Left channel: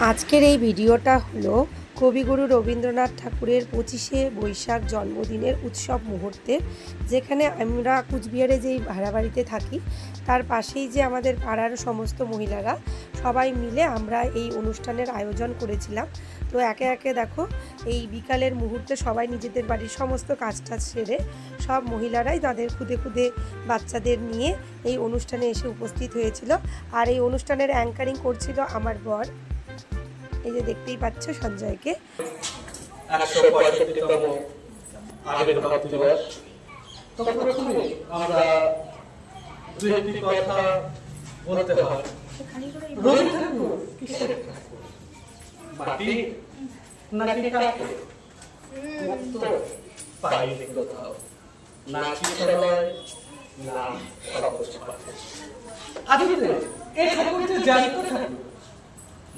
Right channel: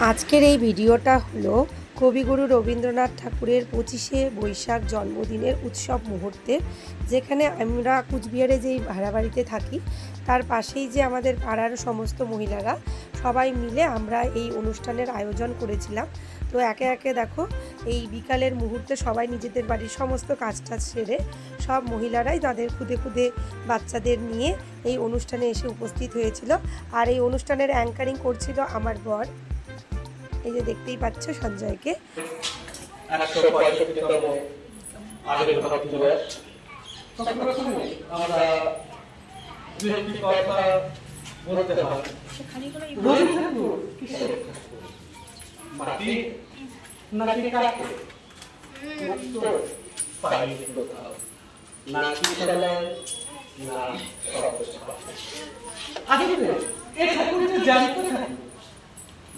আজকের এই ভিডিওটা হলো কবিগুরু রবীন্দ্রনাথ ঠাকুরের 25শে বৈশাখ জন্মদিনের উৎসব মুহূর্তে, যেখানে আমরা কুচবিহারে যেই ভাড়া বাড়িতে থাকি তার পাশেই যে আমাদের পাড়ার সমস্ত মহিলারা সবাই মিলে আমরা এই অনুষ্ঠানের আয়োজন করেছিলাম। তো একে একে দেখো এই বিকালের মুহূর্তে সবাই নিজেদের বাড়ির সমস্ত কাজটা সেরে সব মহিলারাই তাদের খুদে খুদে বাচ্চাদের নিয়ে এই অনুষ্ঠানে এসে উপস্থিত হয়েছিল। আর এই অনুষ্ঠানের অ্যাঙ্কারিং করছিল আমার বর, এই যে দেখতেই পাচ্ছ সঞ্জয়কে। 165তম আবির্ভাব দিবস। প্রথমে আমরা দুটি কথা বলতে হয়। রবি ঠাকুর কিসের ঠাকুর? মাটি নাকি কাঠের? উত্তর পাইনি কোথাও, না কিশোরায় না সর্বস্বার্থে। আসলে এই ঠাকুরটা জানতে ঠাকুর,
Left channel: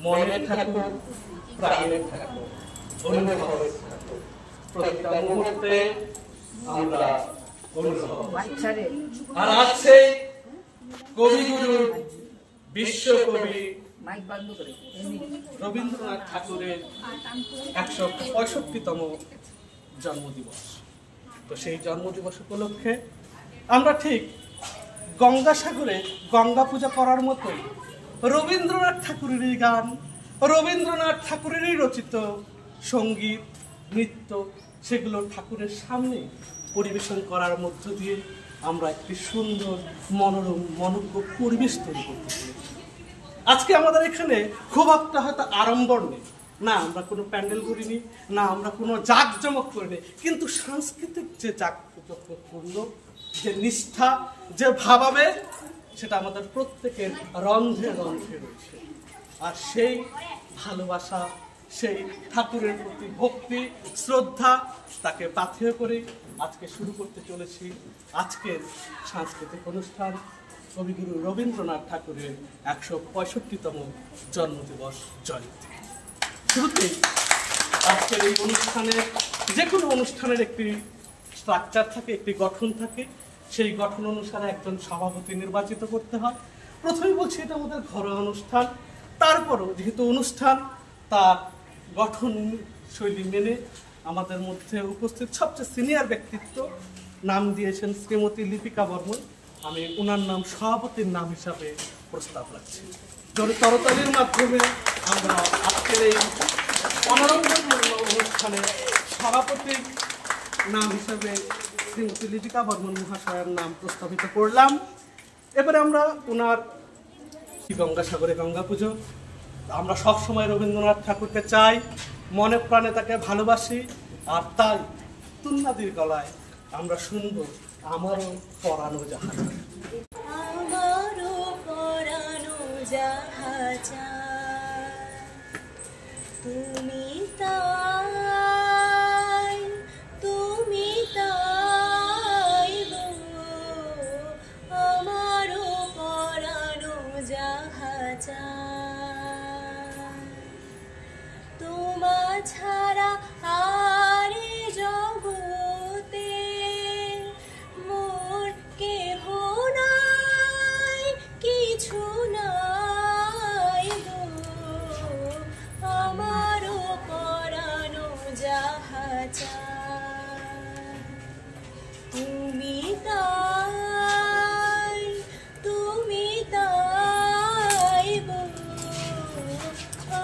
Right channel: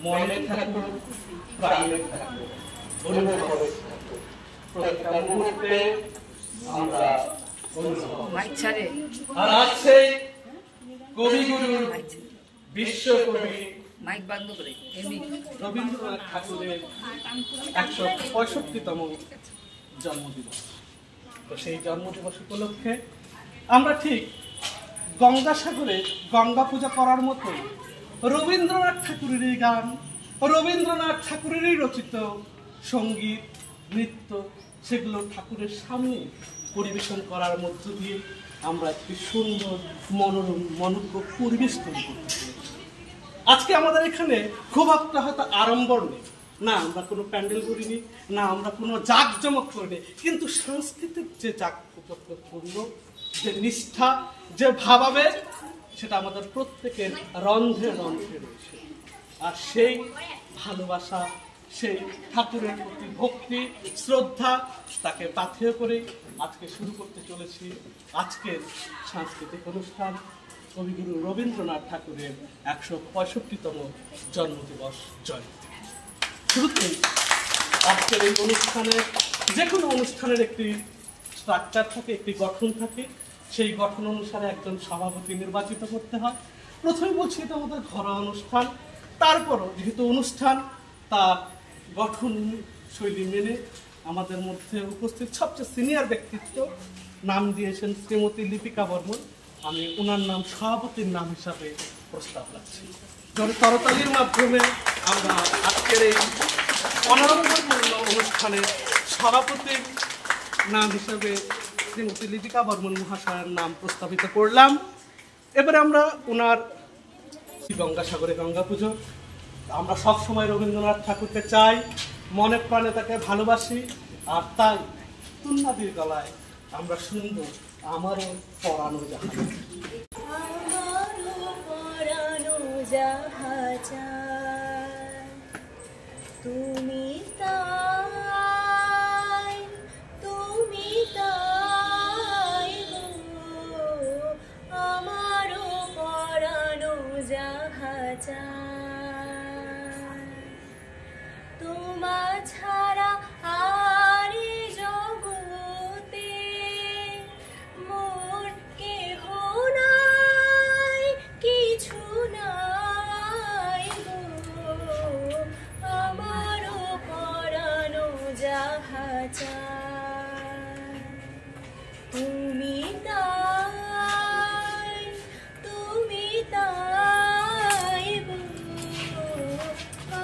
মনের ঠাকুর, প্রাণের ঠাকুর, অনুভবের ঠাকুর। প্রতিটা মুহূর্তে আমরা অনুভব। আর আছে কবিগুরু বিশ্বকবি রবীন্দ্রনাথ ঠাকুরের 165তম জন্মদিবস। তো সেই জন্মদিবস উপলক্ষে আমরা ঠিক গঙ্গাসাগরে গঙ্গা পূজা করার মতোই রবীন্দ্রনাথ ঠাকুরেরই গান, রবীন্দ্রনাথ ঠাকুরেরই রচিত সঙ্গীত, নৃত্য, সেগুলো ঠাকুরের সামনে পরিবেশন করার মধ্য দিয়ে আমরা একটি সুন্দর মনোরম মনোজ্ঞ পরিবেশ তৈরি করতে পেরেছি। আজকে আমাদের এখানে খুব একটা হয়তো আড়ম্বর নেই, না আমরা কোনো প্যান্ডেল করিনি, না আমরা কোনো জাঁকজমক করিনি, কিন্তু সাংস্কৃতিক যে জাঁকজমকপূর্ণ যে নিষ্ঠা, যে ভাবাবেগ, সেটা আমাদের প্রত্যেকের রন্ধ্রে রন্ধ্রে রয়েছে। আর সেই ভালোবাসা, সেই ঠাকুরের প্রতি ভক্তি, শ্রদ্ধা, তাকে পাথেয় করে আজকে শুরু করতে চলেছি আজকের সাংস্কৃতিক অনুষ্ঠান কবিগুরু রবীন্দ্রনাথ ঠাকুরের 165তম জন্মদিবস জয়ন্তী। শুরুতেই আজকের এই অনুষ্ঠানে, যে কোনো অনুষ্ঠানের একটি স্ট্রাকচার থাকে, একটি গঠন থাকে। সেই গঠন অনুসারে একজন সভাপতি নির্বাচিত করতে হয়। প্রথমেই বলছি এটা আমাদের ঘরোয়া অনুষ্ঠান, তারপরও যেহেতু অনুষ্ঠান তার গঠন শৈলী মেনে আমাদের মধ্যে উপস্থিত সবচেয়ে সিনিয়র ব্যক্তিত্ব নাম দিয়েছেন শ্রীমতী লিপিকা বর্মন। আমি ওনার নাম সভাপতির নাম হিসাবে প্রস্তাব রাখছি। করতালির মাধ্যমে আমরা আজকের এই অনারম্বরপূর্ণ অনুষ্ঠানে সভাপতির নাম হিসাবে শ্রীমতী লিপিকা বর্মন মহাশয়ের নাম প্রস্তাবিত করলাম। এবারে আমরা ওনার গঙ্গাসাগরে গঙ্গা পুজো, আমরা সবসময় রবীন্দ্রনাথ ঠাকুরকে চাই, মনে প্রাণে তাকে ভালোবাসি। আর তাই তুন্নাদির গলায় আমরা শুনব আমারও পরানো জাহাজ। আমারও পরানো জাহাজ তুমি তাই, তুমি তাই গো, আমারও পরানো জাহাজ তোমা ছাড়া আর জগতে মোর কেহ নাই, কিছু নাই গো, আমারও পরানো জাহাজ তুমি তাই, তুমি তাই গো,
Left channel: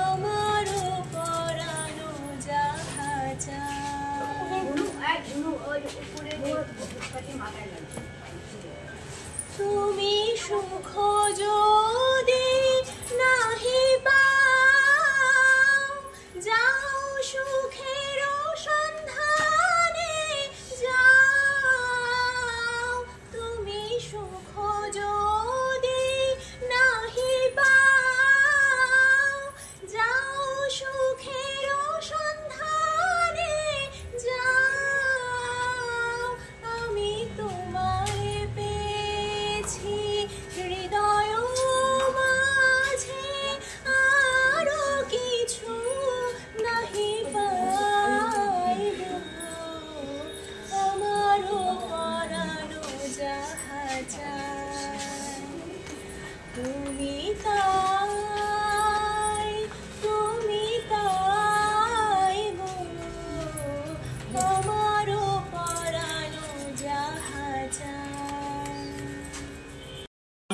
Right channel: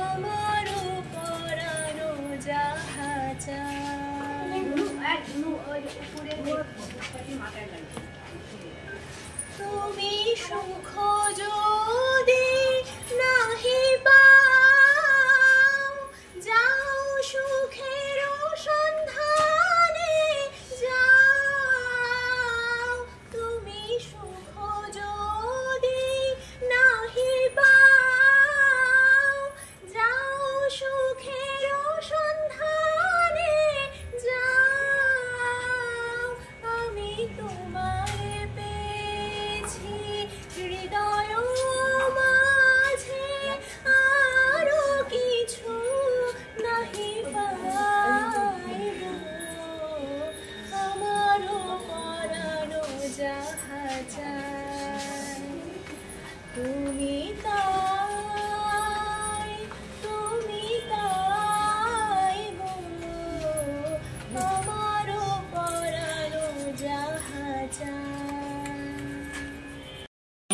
আমারও পরানো জাহাজ। তুমি সুখ যদি নাহি পাও, যাও সুখের সন্ধান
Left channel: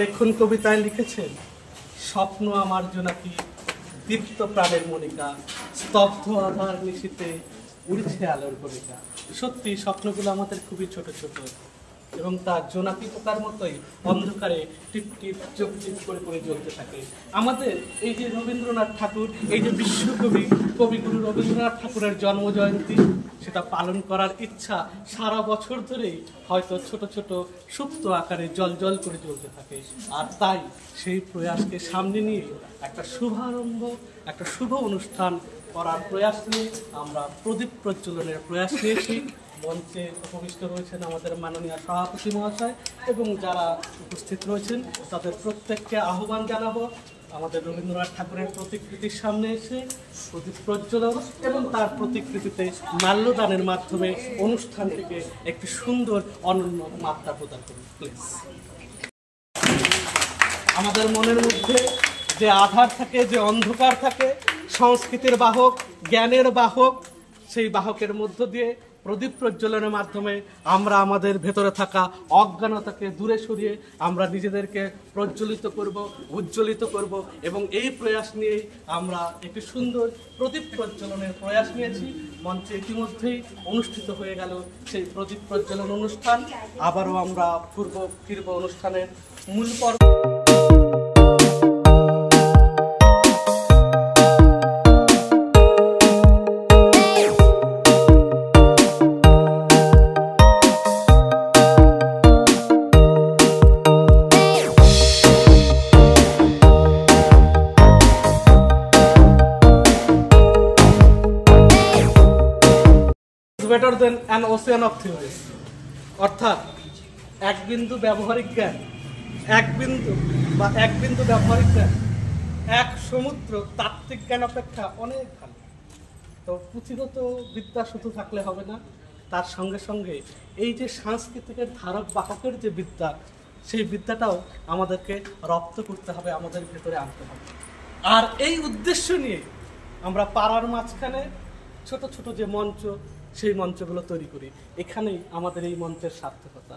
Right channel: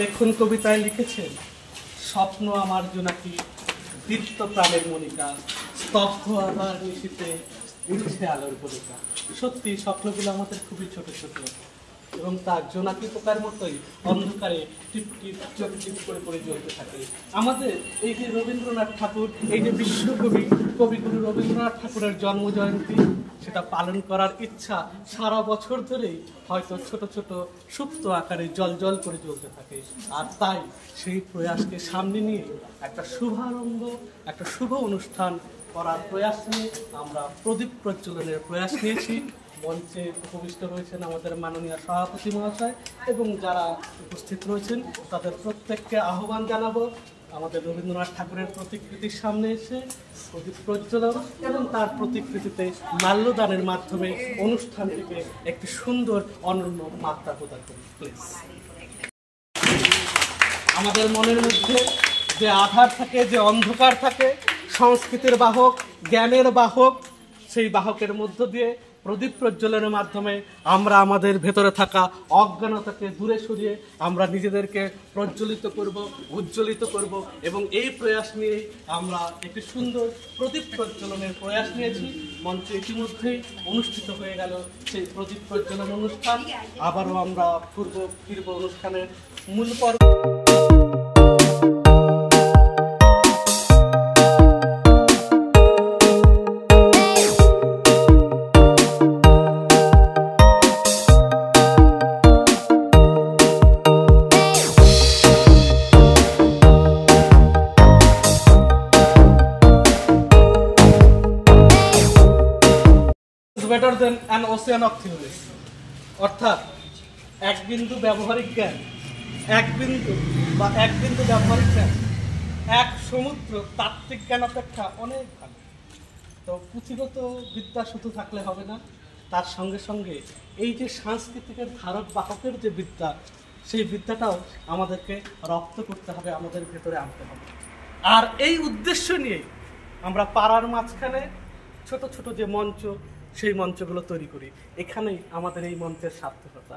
দেখুন কবিতায় লিখেছেন, স্বপ্ন আমার জোনাকি, দীপ্ত প্রাণের মনিকা, স্তব্ধ আধার নিশীথে উঠছে আলোর কণিকা। সত্যি স্বপ্নগুলো আমাদের খুবই ছোট ছোট এবং তার জোনাকি পোকার মতোই অন্ধকারে টিপ টিপ চোখ টিপ করে করে জ্বলতে থাকে। আমাদের এই যে রবীন্দ্রনাথ ঠাকুর, এই যে বিশ্বকবি কবিগুরু রবীন্দ্রনাথ ঠাকুরের জন্মজয়ন্তী, সেটা পালন করার ইচ্ছা সারা বছর ধরেই হয়তো ছোট ছোট সুপ্ত আকারে জল জল করে জ্বলতে থাকে। আর তাই সেই প্রয়াসকে সামনে নিয়ে একটা শুভারম্ভ, একটা শুভ অনুষ্ঠান করার প্রয়াস নিয়ে আমরা প্রদীপ প্রজ্বলনের প্রয়াস নিয়েছি। মঞ্চে উপবিষ্ট রয়েছেন আমাদের মাননীয় সভাপতি মহাশয় এবং যারা উপস্থিত রয়েছেন তাদের প্রত্যেককে আহ্বান জানাবো আমাদের রবীন্দ্রনাথ ঠাকুরের প্রতিকৃতির সামনে এসে প্রদীপ প্রজ্বলন এবং তার প্রতিকৃতিতে মাল্যদানের মাধ্যমে অনুষ্ঠানটিকে একটি সুন্দর অনন্য মাত্রা প্রদান করুন প্লিজ। আমাদের মনের মধ্যে যে আধার থাকে, যে অন্ধকার থাকে, সংস্কৃতির বাহক, জ্ঞানের বাহক, সেই বাহকের মধ্য দিয়ে প্রদীপ প্রজ্বলনের মাধ্যমে আমরা আমাদের ভেতরে থাকা অজ্ঞানতাকে দূরে সরিয়ে আমরা নিজেদেরকে প্রজ্বলিত করব, উজ্জ্বলিত করব এবং এই প্রয়াস নিয়েই আমরা একটি সুন্দর প্রদীপ প্রজ্বলনের প্রয়াস নিয়েছি। মঞ্চে ইতিমধ্যেই অনুষ্ঠিত হয়ে গেল সেই প্রদীপ প্রজ্বলন অনুষ্ঠান। আবারও আমরা ফিরব অনুষ্ঠানের মূল পর্ব। Better than an ocean of theories, অর্থাৎ এক বিন্দু ব্যবহারিক জ্ঞান, এক বিন্দু ব্যবহারিক জ্ঞান এক সমুদ্র তাত্ত্বিক জ্ঞান অপেক্ষা অনেক ভালো। তো পুঁথিগত বিদ্যা শুধু থাকলে হবে না, তার সঙ্গে সঙ্গে এই যে সাংস্কৃতিকের ধারক বাহকের যে বিদ্যা, সেই বিদ্যাটাও আমাদেরকে রপ্ত করতে হবে, আমাদের ভেতরে আনতে হবে। আর এই উদ্দেশ্য নিয়েই আমরা পাড়ার মাঝখানে ছোট ছোট যে মঞ্চ, সেই মঞ্চগুলো তৈরি করি। এখানেই আমাদের এই মঞ্চের সার্থকতা।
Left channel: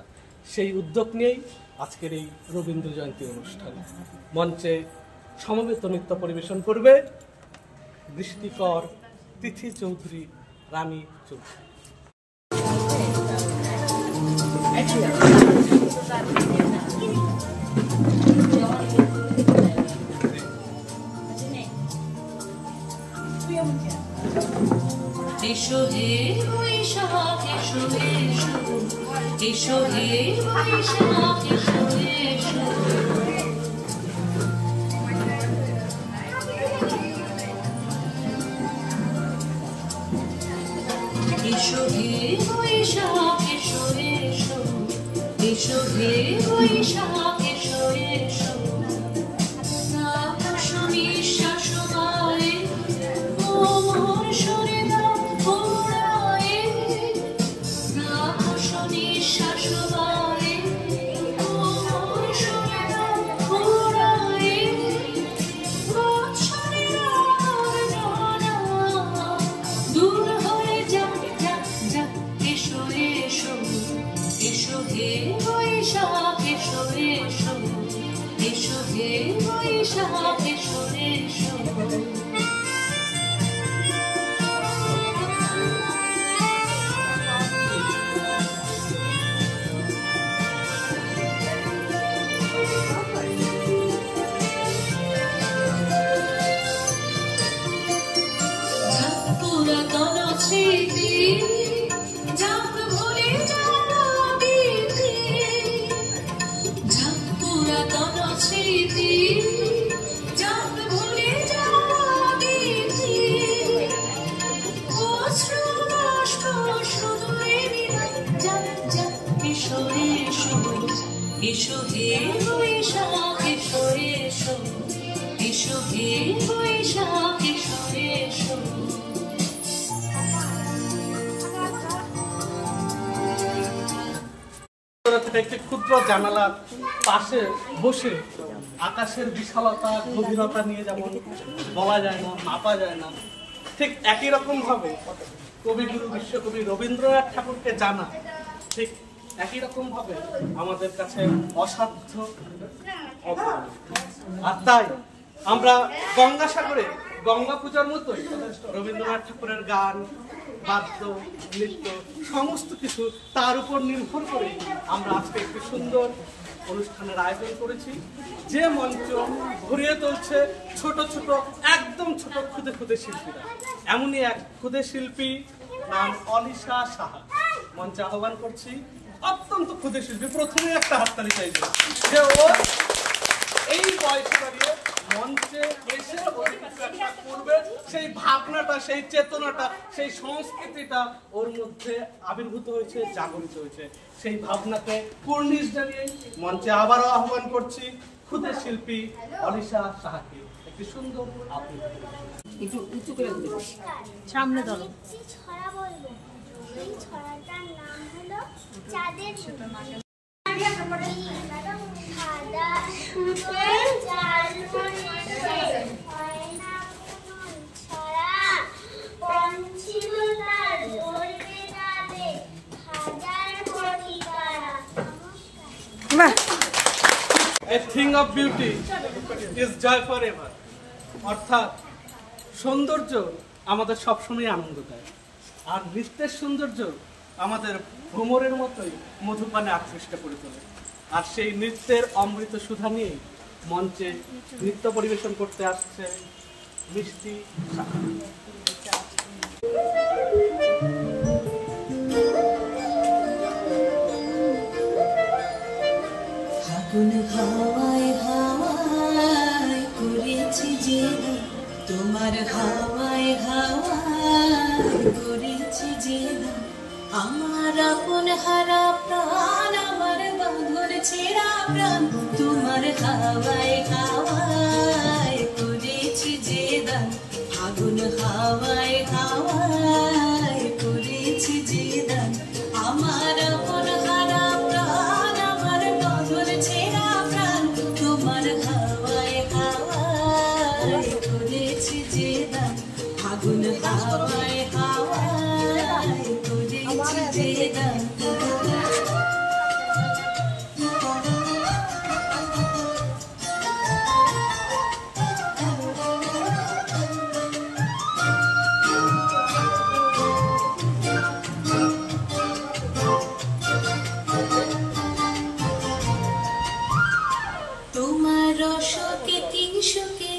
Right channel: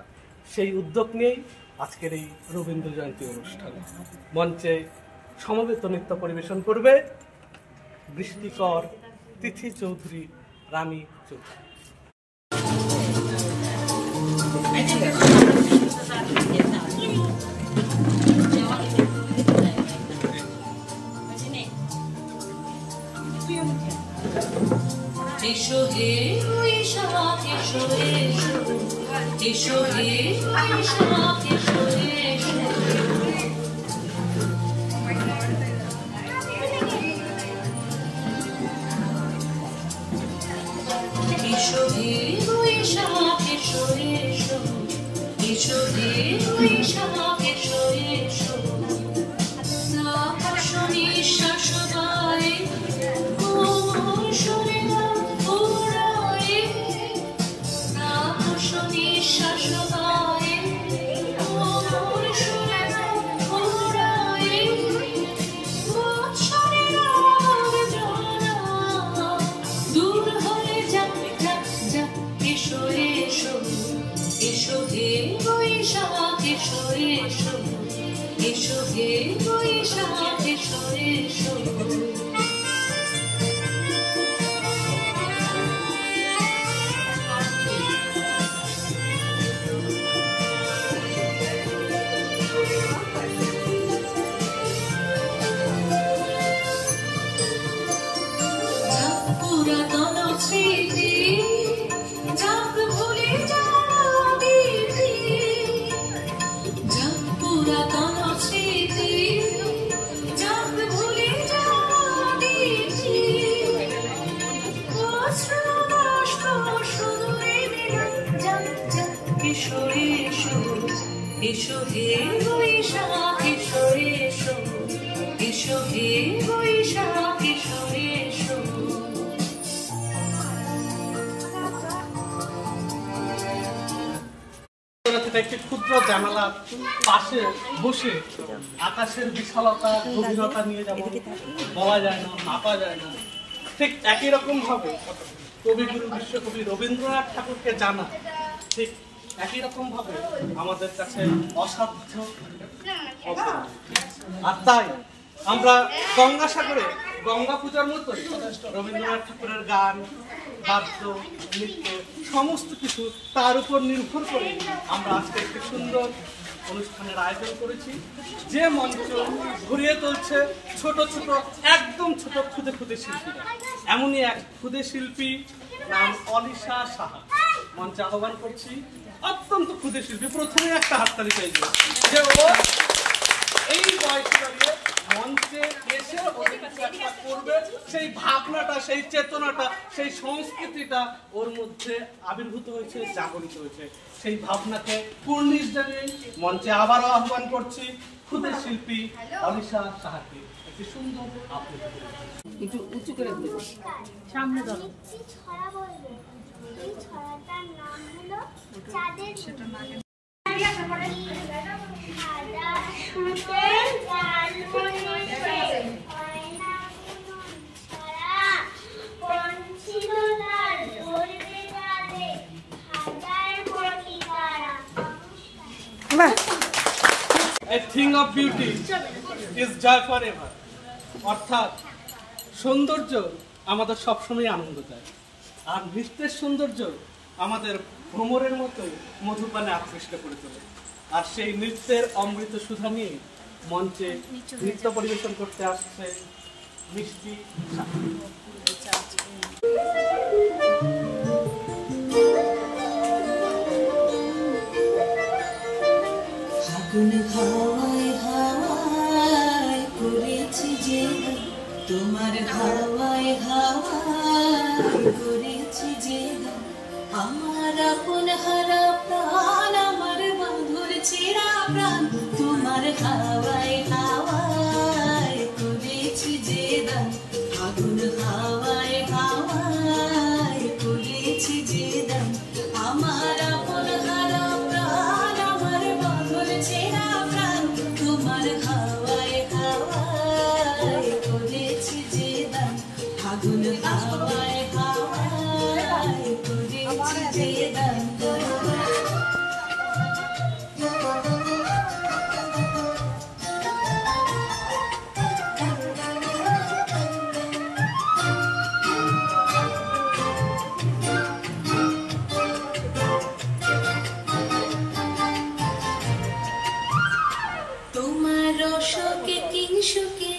সেই উদ্যোগ নিয়েই আজকের এই রবীন্দ্র জয়ন্তী অনুষ্ঠান। মঞ্চে সমবেত নৃত্য পরিবেশন করবে বৃষ্টিকর তিথি চৌধুরী, রানী চৌধুরী। এসো হে বৈশাখ, এসো এসো, এসো হে বৈশাখ, এসো এসো। এসো হে বৈশাখ, এসো এসো, এসো হে বৈশাখ, এসো এসো। আকাশ নিঃশ্বাস বলে কোমল সরে দাও ঘোরায়ে, আকাশ নিঃশ্বাস বলে কোমল সরে দাও ঘোরায়ে। বৎসরে রাগ জ্বালা দূর হয়ে যাক যাক যাক। এসো এসো, এসো হে বৈশাখ, এসো এসো, এসো হে বৈশাখ, এসো এসো। যাক পুরাতন স্মৃতি, যাক ভুলে যাওয়া বিধি, যাক পুরাতন স্মৃতি, যাক ভুলে যাওয়া বিধি। অশ্রু বাষ্প শুধু যাক যাক। এসো এসো, এসো হে বৈশাখ, এসো এসো, এসো হে বৈশাখ, এসো এসো। একটি ক্ষুদ্র জানালার পাশে বসে আকাশের বিশালতা, গভীরতা নিয়ে যেমন বলা যায় না, মাপা যায় না, ঠিক একই রকম ভাবে কবিগুরু বিশ্বকবি রবীন্দ্রনাথ ঠাকুরকে জানা ঠিক একই রকম ভাবে আমাদের কাছে অসাধ্য আর তাই আমরা গঙ্গাসাগরে গঙ্গা পূজার মতোই রবীন্দ্রনাথ ঠাকুরের গান, বাদ্য, নৃত্য সমস্ত কিছু তার উপর নির্ভর করে আমরা আজকে একটি সুন্দর অনুষ্ঠানের আয়োজন করেছি, যে মঞ্চ ঘুরিয়ে তুলছে ছোট ছোট একদম ছোট ক্ষুদে ক্ষুদে শিল্পীরা। এমনই এক ক্ষুদে শিল্পী নাম অলিশা সাহা, মঞ্চে আহ্বান করছি। অত্যন্ত ক্ষুদে শিল্পী, প্রথমে একটা হাততালি চাইবে যে ও এই বয়সে দাঁড়িয়ে মঞ্চে এসে ওদের কিছু একটা করবে, সেই ভাবনাটা, সেই চেতনাটা, সেই সংস্কৃতিটা ওর মধ্যে আবির্ভূত হয়েছে, জাগরিত হয়েছে। সেই ভাবনাকে কুর্নিশ জানিয়ে মঞ্চে আবারও আহ্বান করছি ক্ষুদে শিল্পী অলিশা সাহাকে একটি সুন্দর আবৃত্তি। একটু উঁচু করে বলবো, সামনে ধরো। ছড়া বলবো। এই ছড়াটার নাম হলো চাঁদের সাদা সুতোর জাল বুনেছে, হয় না পুতুল ছড়া, পঞ্ছিল তার ধরবে চাঁদে, হাজার কোটি তারা। বাহ, A thing of beauty is joy forever. অর্থাৎ সৌন্দর্য আমাদের সবসময় আনন্দ দেয়, আর নৃত্যের সৌন্দর্য আমাদের ভ্রমরের মতোই মধুপানে আকৃষ্ট করে তোলে। আর সেই নৃত্যের অমৃত সুধা নিয়ে মঞ্চে নৃত্য পরিবেশন করতে আসছে মিষ্টি সাহা। ফাগুন হাওয়ায় হাওয়ায় করেছি যে গান, তোমার হাওয়ায় হাওয়ায় করেছি যে গান, আমার আপন হারা প্রাণ, আমার বাঁধর ছেঁড়া প্রাণ, তোমার হাওয়ায় হাওয়ায় করেছি যে গান, ফাগুন হাওয়ায় হাওয়ায় করেছি যে গান, আমার আপন হারা প্রাণ, আমার বাঁধর ছেঁড়া প্রাণ, তোমার হাওয়ায় হাওয়ায় করেছি যে গান, ফাগুন হাওয়ায় হাওয়ায় করেছি যে গান। তোমার রসকে কিংসুকে,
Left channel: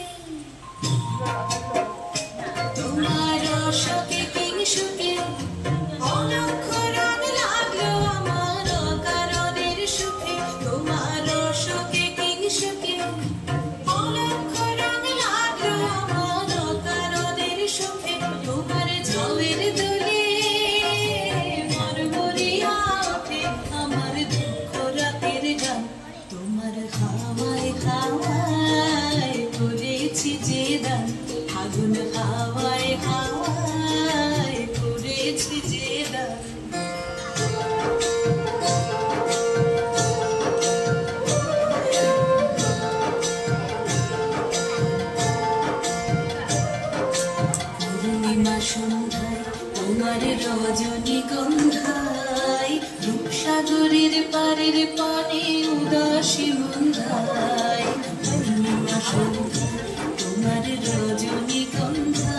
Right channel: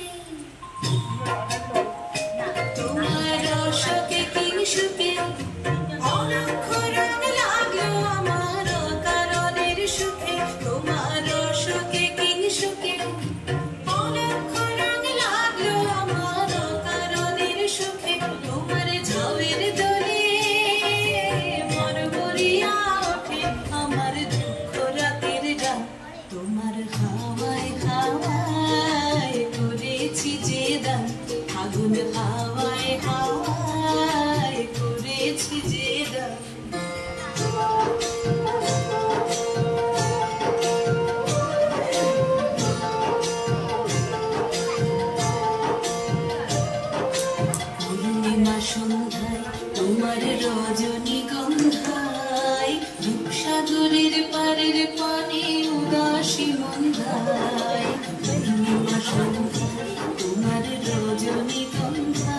তোমার রসকে কিংসুকে, অলক্ষ রং লাগলো আমার কারণের সুখে, তোমার রসকে কিংসুকে, অলক্ষ রং লাগলো আমার কারণের সুখে, তোমার ঝাউয়ের দোলে মরমরিয়া ওঠে আমার দুঃখ রাতের গান, তোমার হাওয়ায় হাওয়ায় করেছি যে দান, ফাগুন হাওয়ায় হাওয়ায় করেছি যে দান। পূর্ণিমা সন্ধ্যায় তোমার রজনীগন্ধায়, রূপসাগরের পারের পানে উদাসী মন্ধায়, পূর্ণিমা সন্ধ্যায় তোমার রজনীগন্ধায়,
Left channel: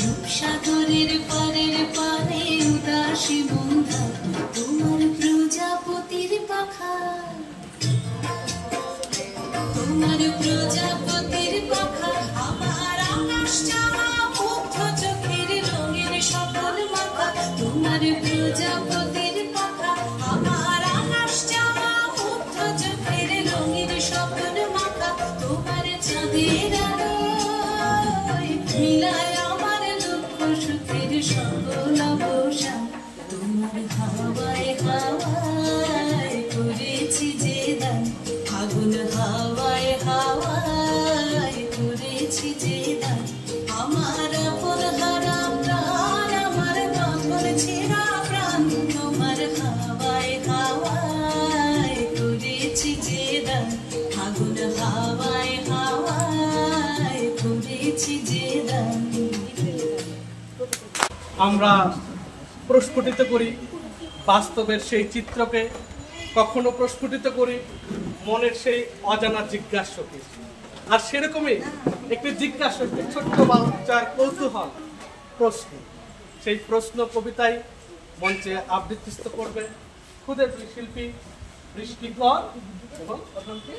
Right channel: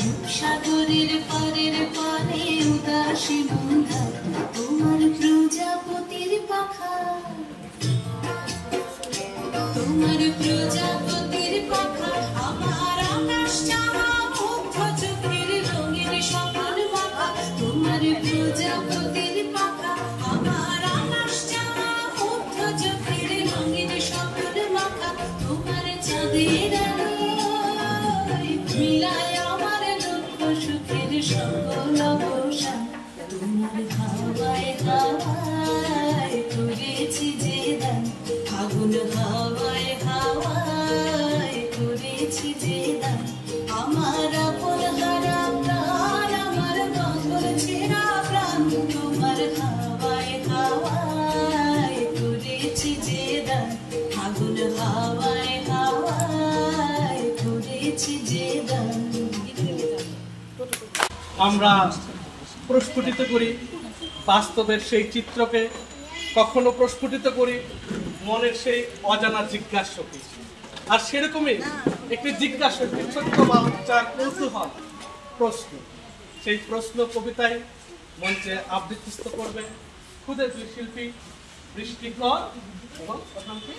রূপসাগরের পারের পানে উদাসী মন্ধায়, তোমার প্রজাপতির পাখা, তোমার প্রজাপতির পাখা, আমার আকাশ চাওয়া মুগ্ধ চোখের রঙের সকাল মাখা, তোমার প্রজাপতির পাখা, আমার আকাশ চাওয়া মুগ্ধ চোখের রঙের সকাল মাখা, তোমার চাঁদের আলোয় মিলায় আমার দুঃখ সুখের সকল অবসান, তোমার হাওয়ায় হাওয়ায় করেছি যে দান, ফাগুন হাওয়ায় হাওয়ায় করেছি যে দান, আমার আপন হারা প্রাণ, আমার বাঁধর ছেঁড়া প্রাণ, তোমার হাওয়ায় হাওয়ায় করেছি যে দান, ফাগুন হাওয়ায় হাওয়ায় করেছি যে দান। আমরা প্রস্ফুটিত করি বাস্তবের সেই চিত্রকে, কখনো প্রস্ফুটিত করি মনের সেই অজানা জিজ্ঞাসা, আর সেরকমই একটি জিজ্ঞাসা, একটি ছোট্ট বাচ্চার কৌতূহল প্রশ্ন, সেই প্রশ্ন কবিতায় মঞ্চে আবৃত্তিস্থ করবে খুদে দুই শিল্পী বৃষ্টিকর এবং প্রথমটি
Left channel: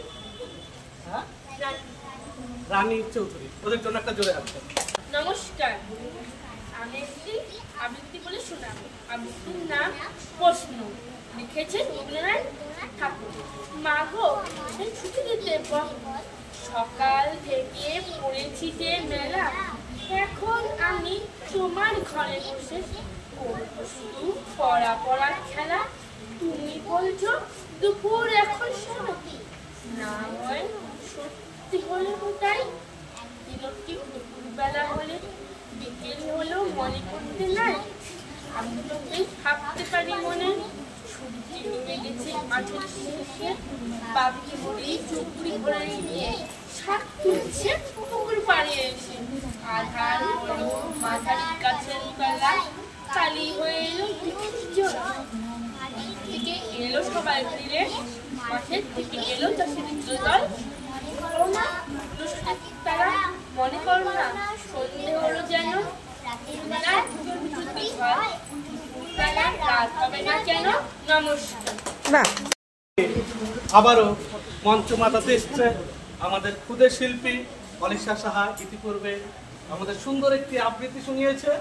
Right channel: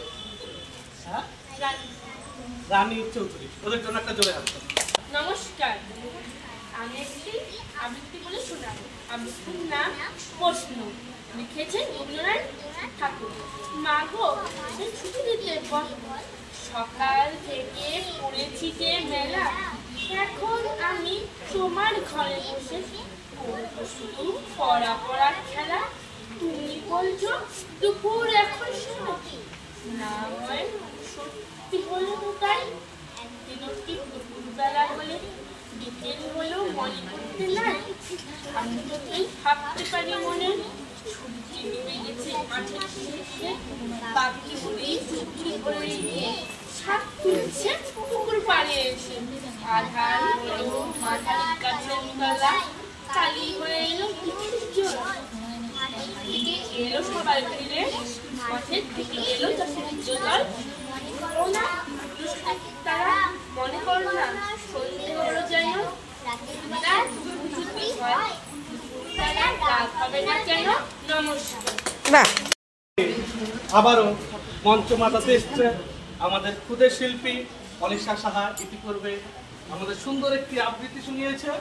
রানী চৌধুরী। ওদের জন্য একটা জোরে হাত। নমস্কার, আমি একটি আবৃত্তি বলে শোনাব। আবৃত্তির নাম প্রশ্ন, লিখেছেন রবীন্দ্রনাথ ঠাকুর। মা গো, সেই ছুটি দিতে সকাল থেকে পড়েছি যে মেলা, এখন আমি তোমার ঘরে বসে করবো শুধু পড়ার খেলা। তুমি বলছো দুপুর এখন সময়, না হয় সত্যি হলো তাই। একদিনও কি দুপুরবেলা হলে বিকেল হলেও মনে করতে নাই? আমি তো এই ভাবতে পারি মনে, সূর্যি ডুবে গেছে মাঠের শেষে, বাবলি মুড়ি চুপুরি ভরে নিয়ে শাক তুলছে পুকুর পাড়ে এসে। আধার হলো মাথার গাছের তলা, কালি হয়ে এলো জল থেকে এলো সবাই ফিরে, মাঠের থেকে এলো চাষের দল। তারা মনে করো না সন্ধে হলো যেন, রাত হবে না কেন। নমস্কার। আবারও মঞ্চ মাতাতে এসছে আমাদের ক্ষুদে শিল্পী অলিশা সাহা। ইতিপূর্বে আমাদের সুন্দর একটি আবৃত্তি শুনিয়েছে।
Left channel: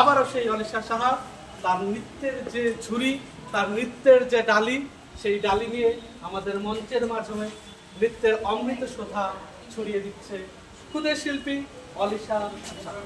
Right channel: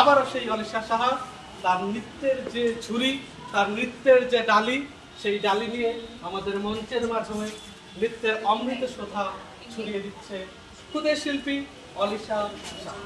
আবারও সেই অলিশা সাহা তার নৃত্যের যে ঝুড়ি, তার নৃত্যের যে ডালি, সেই ডালি নিয়ে আমাদের মঞ্চের মাধ্যমে নৃত্যের অমৃত শোভা ছড়িয়ে দিচ্ছে ক্ষুদে শিল্পী অলিশা সাহা।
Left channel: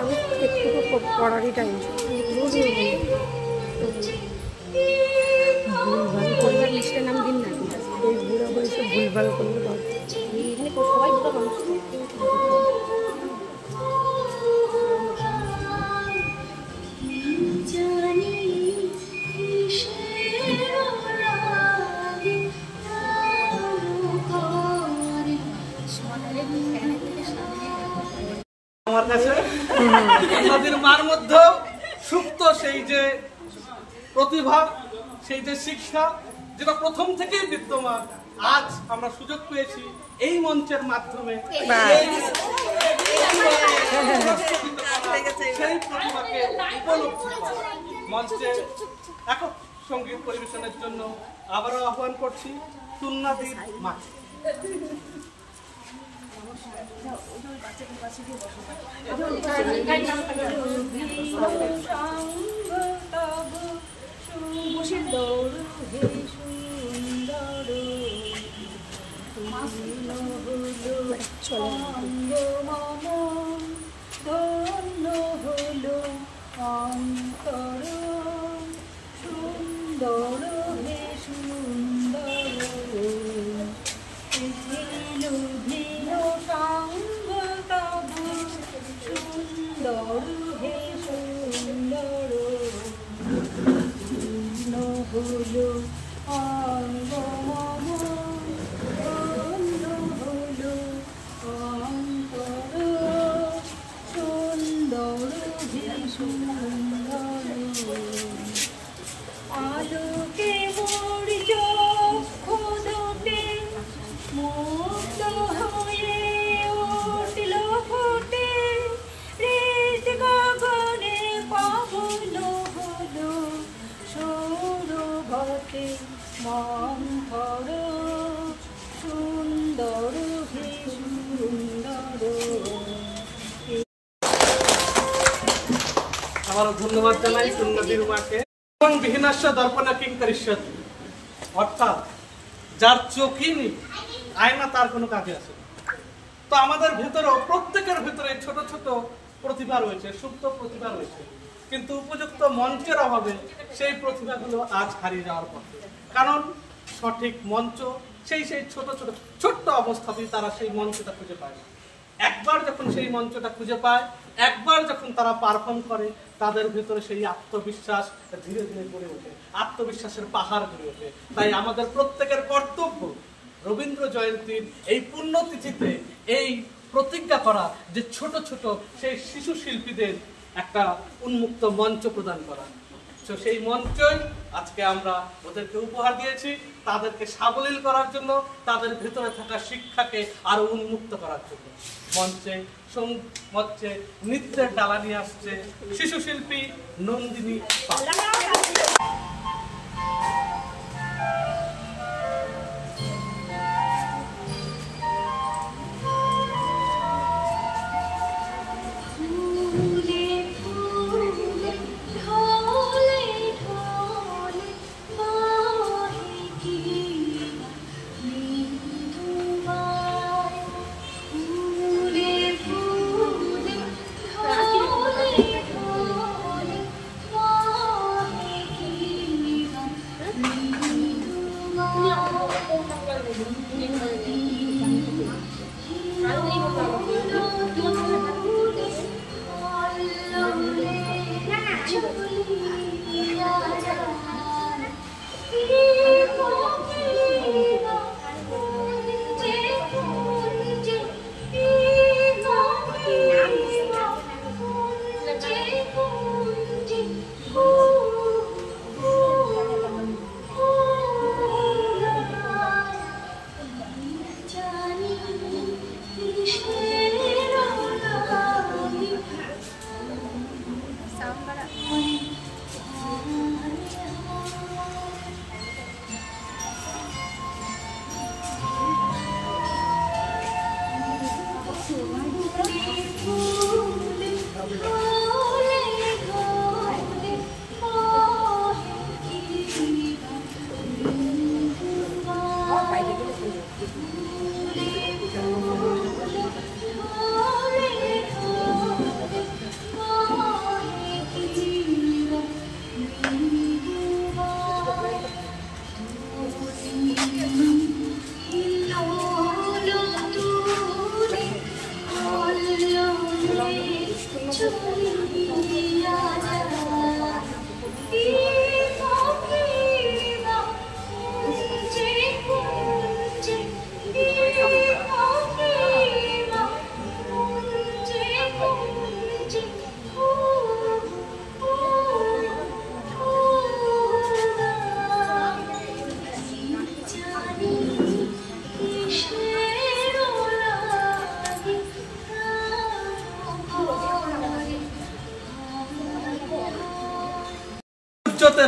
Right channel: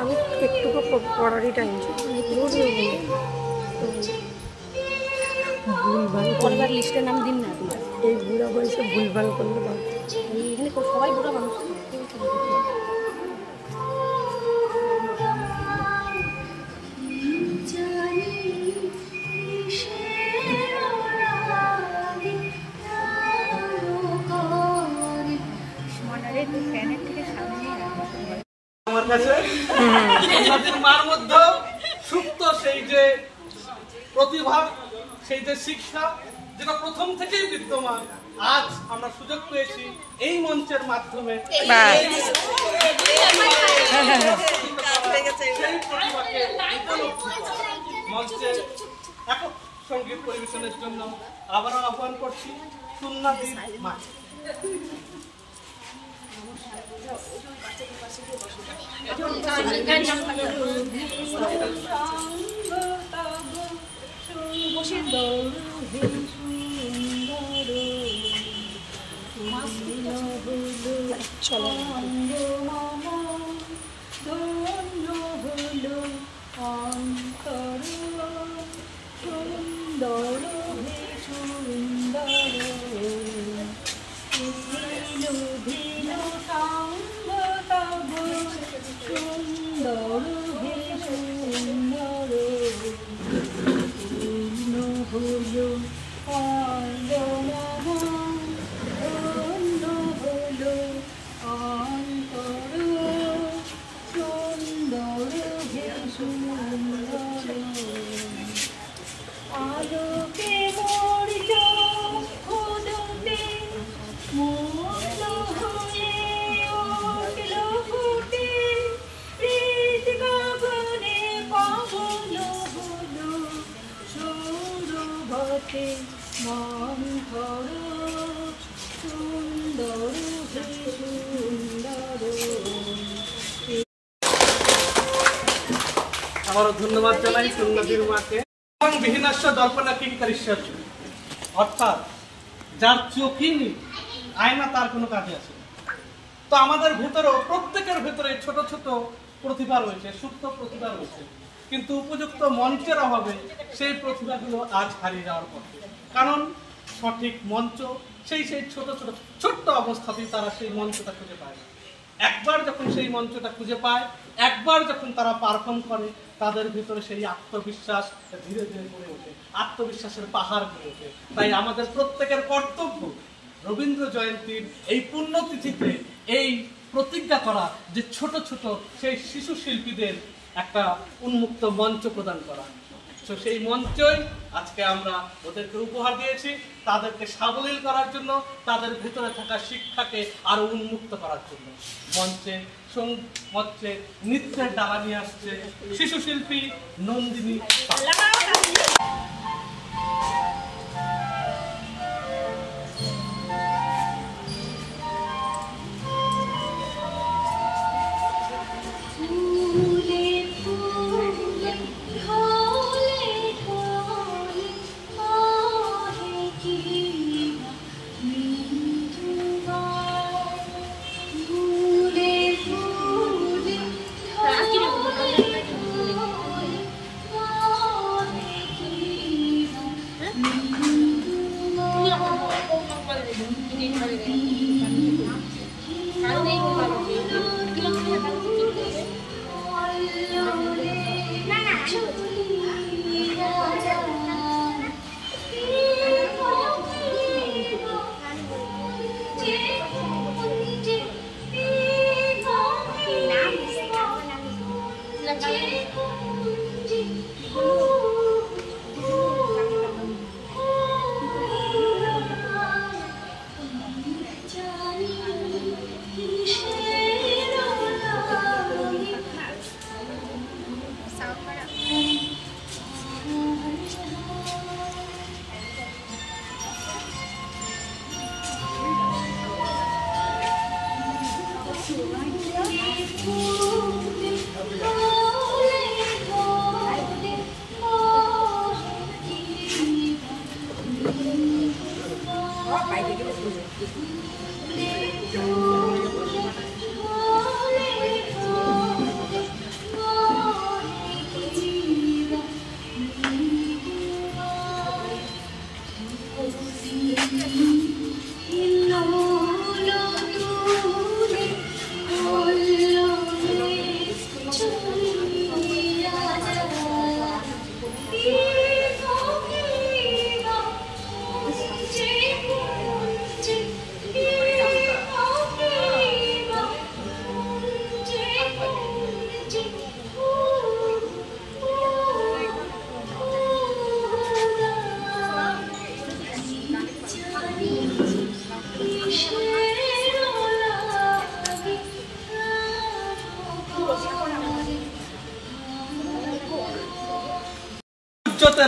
আমি একটু পড়ারই টাইম ভুলভাল করলে লিস্টের নাম দিন না, এই বুড়া বয়সে ভুলভাল করলে বল। এখানে সবাই বুড়া মানুষ। আমার কাছে আমাদের মার মধ্যে সুপ্ত সেই যে প্রতিভা, সেই যে শিক্ষা, যেটা প্রথম থেকেই বিদ্যমান, আজ আমরা সুযোগ পেয়েছি এই মঞ্চের মাধ্যমে সেই প্রতিভাকে উপলব্ধি করা। মঞ্চে একক সঙ্গীত পরিবেশনের জন্য আবারও আহ্বান করছি সুন্নাদির মা। চলো ধন্য হলো অন্তর তরুভে সুন্দর। আবারও ধন্যবাদ জানাই সুন্দরীর মাকে। এবং বিহীনাস্য দর্পণা কিংকরিষ্যৎ, অর্থাৎ যার চোখই নেই আয়না তার কোনো কাজে আসে না। তো আমাদের ভেতরেও প্রত্যেকের ভেতরে ছোট ছোট প্রতিভা রয়েছে, সুপ্ত প্রতিভা রয়েছে, কিন্তু উপযুক্ত মঞ্চের অভাবে সেই প্রতিভাগুলো আজ হারিয়ে যাওয়ার পথে। কারণ সঠিক মঞ্চ সেই ছোট ছোট ছোট্ট অবস্থাতেই তারা সেই মঞ্চটা খুঁজে পায় না। একবার যখন সেই মঞ্চটা খুঁজে পায়, একবার যখন তারা পারফর্ম করে, তাদের ভিতরে সেই আত্মবিশ্বাস ধীরে ধীরে গড়ে ওঠে, আত্মবিশ্বাসের পাহাড় গড়ে ওঠে। তাই আমাদের প্রত্যেকের কর্তব্য রবীন্দ্র জয়ন্তীর এই পুণ্যতিথিতে এই প্রতিজ্ঞা করা যে ছোট ছোট সেই শিশু শিল্পীদের একটা উন্মুক্ত মঞ্চ প্রদান করা। তো সেই মঞ্চই আজকে আমরা ওদেরকে উপহার দিয়েছি, তাদেরকে সাবলীল করার জন্য, তাদের ভেতরে থাকা শিক্ষাকে আরো উন্মুক্ত করার জন্য। মঞ্চে নৃত্যের ডালা নিয়ে আসছে শিশু শিল্পী নন্দিনী পাল।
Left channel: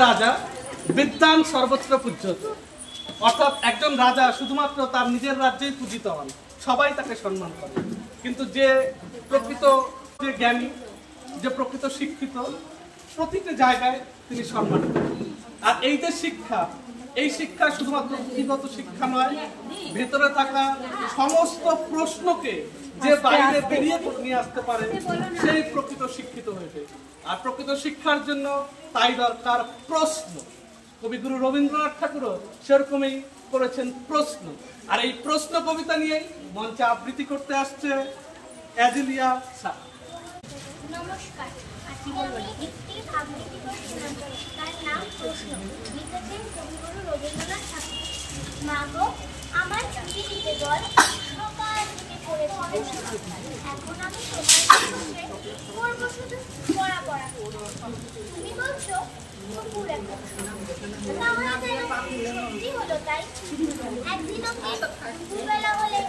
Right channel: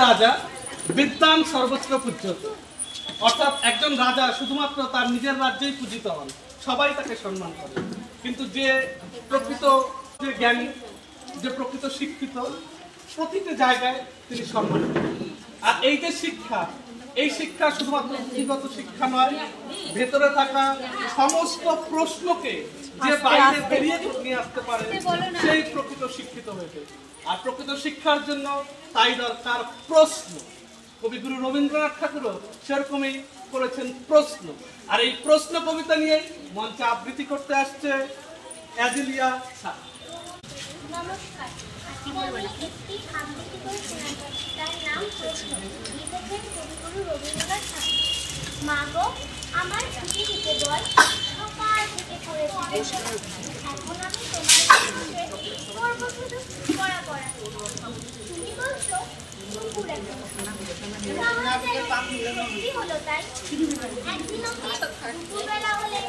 রাজা বিদ্যান সর্বত্র পূজ্যতে, অর্থাৎ একজন রাজা শুধুমাত্র তার নিজের রাজ্যেই পূজিত হন, সবাই তাকে সম্মান করে, কিন্তু যে প্রকৃত যে জ্ঞানী, যে প্রকৃত শিক্ষিত, প্রতিটি জায়গায় তিনি সম্মানিত। আর এই যে শিক্ষা, এই শিক্ষা শুধুমাত্র পুঁথিগত শিক্ষা নয়, ভেতরে থাকা সমস্ত প্রশ্নকে যে বাইরে বেরিয়ে নিয়ে আসতে পারে সেই প্রকৃত শিক্ষিত হয়েছে। আর প্রকৃত শিক্ষার জন্য তাই দরকার প্রশ্ন। কবিগুরু রবীন্দ্রনাথ ঠাকুরও সেরকমই করেছেন প্রশ্ন। আর এই প্রশ্ন কবিতা নিয়ে মঞ্চে আবৃত্তি করতে আসছে অ্যাজিলিয়া স্যার। নমস্কার, আজকে আমি একটি আবৃত্তি করে শোনাতে, তার নাম প্রশ্ন, লিখেছেন কবিগুরু রবীন্দ্রনাথ ঠাকুর। মা গো, আমার ছুটি দিতে বল, সকাল থেকে পড়েছি বসে, এখন আমি তোমার সঙ্গে করবো শুধু পড়া। তুমি বলছো কুকুর এখন সত্যি হলো তাই। একদিন দুপুরবেলা হলে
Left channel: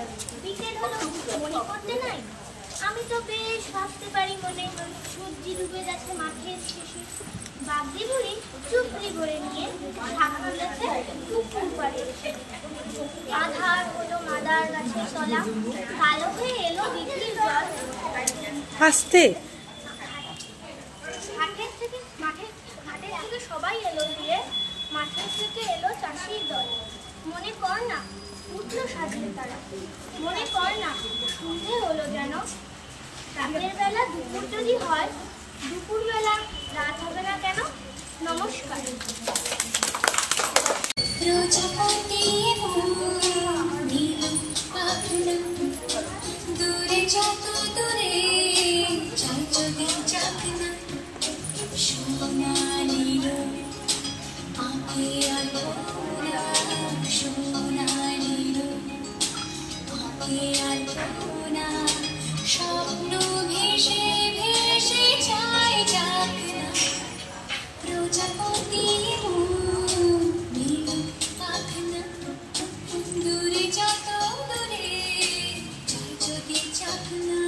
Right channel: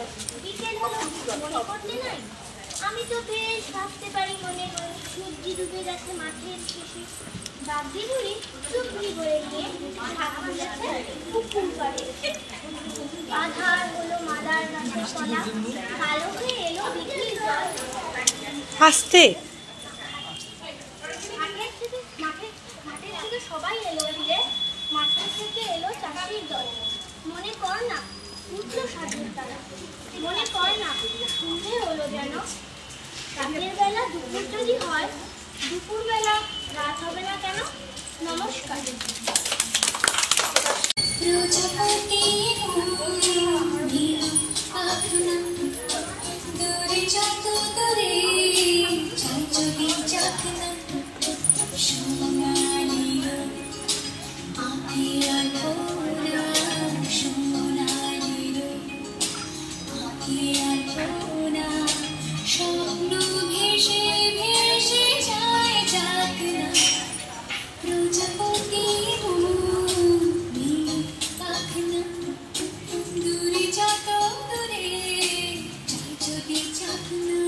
বিকেল হলো, মনে করতে নাই? আমি তো বেশ ভাবতে পারি মনে, সূর্য ডুবে যাচ্ছে মাঠের শেষে। বাগদি বুড়ি চুপড়ি করে নিয়ে শাক তুলেছে পুকুর পাড়ে। আধার হলো মাদার তাল গাছের তলা, কালো হয়ে এলো দিঘির জল। হাসতে ঘাটের থেকে সবাই এলো ফিরে, মাঠের থেকে এলো চাষির দল। মনে কর না উঠল সাধুর তারা, মনে কর না সন্ধে হলো যেন। রাতের বেলা দুপুর যদি হয়, দুপুর বেলা রাত হবে না কেন? নমস্কার। প্রজাপতি দূরে যত দূরে চাই যদি যাক না, সোনালি আঁখে আলপনা, সোনালি আঁখে আলপনা, স্বপ্ন ভেসে ভেসে যায় যাক না। প্রজাপতি দূরে যত দূরে চাই যদি যাক না।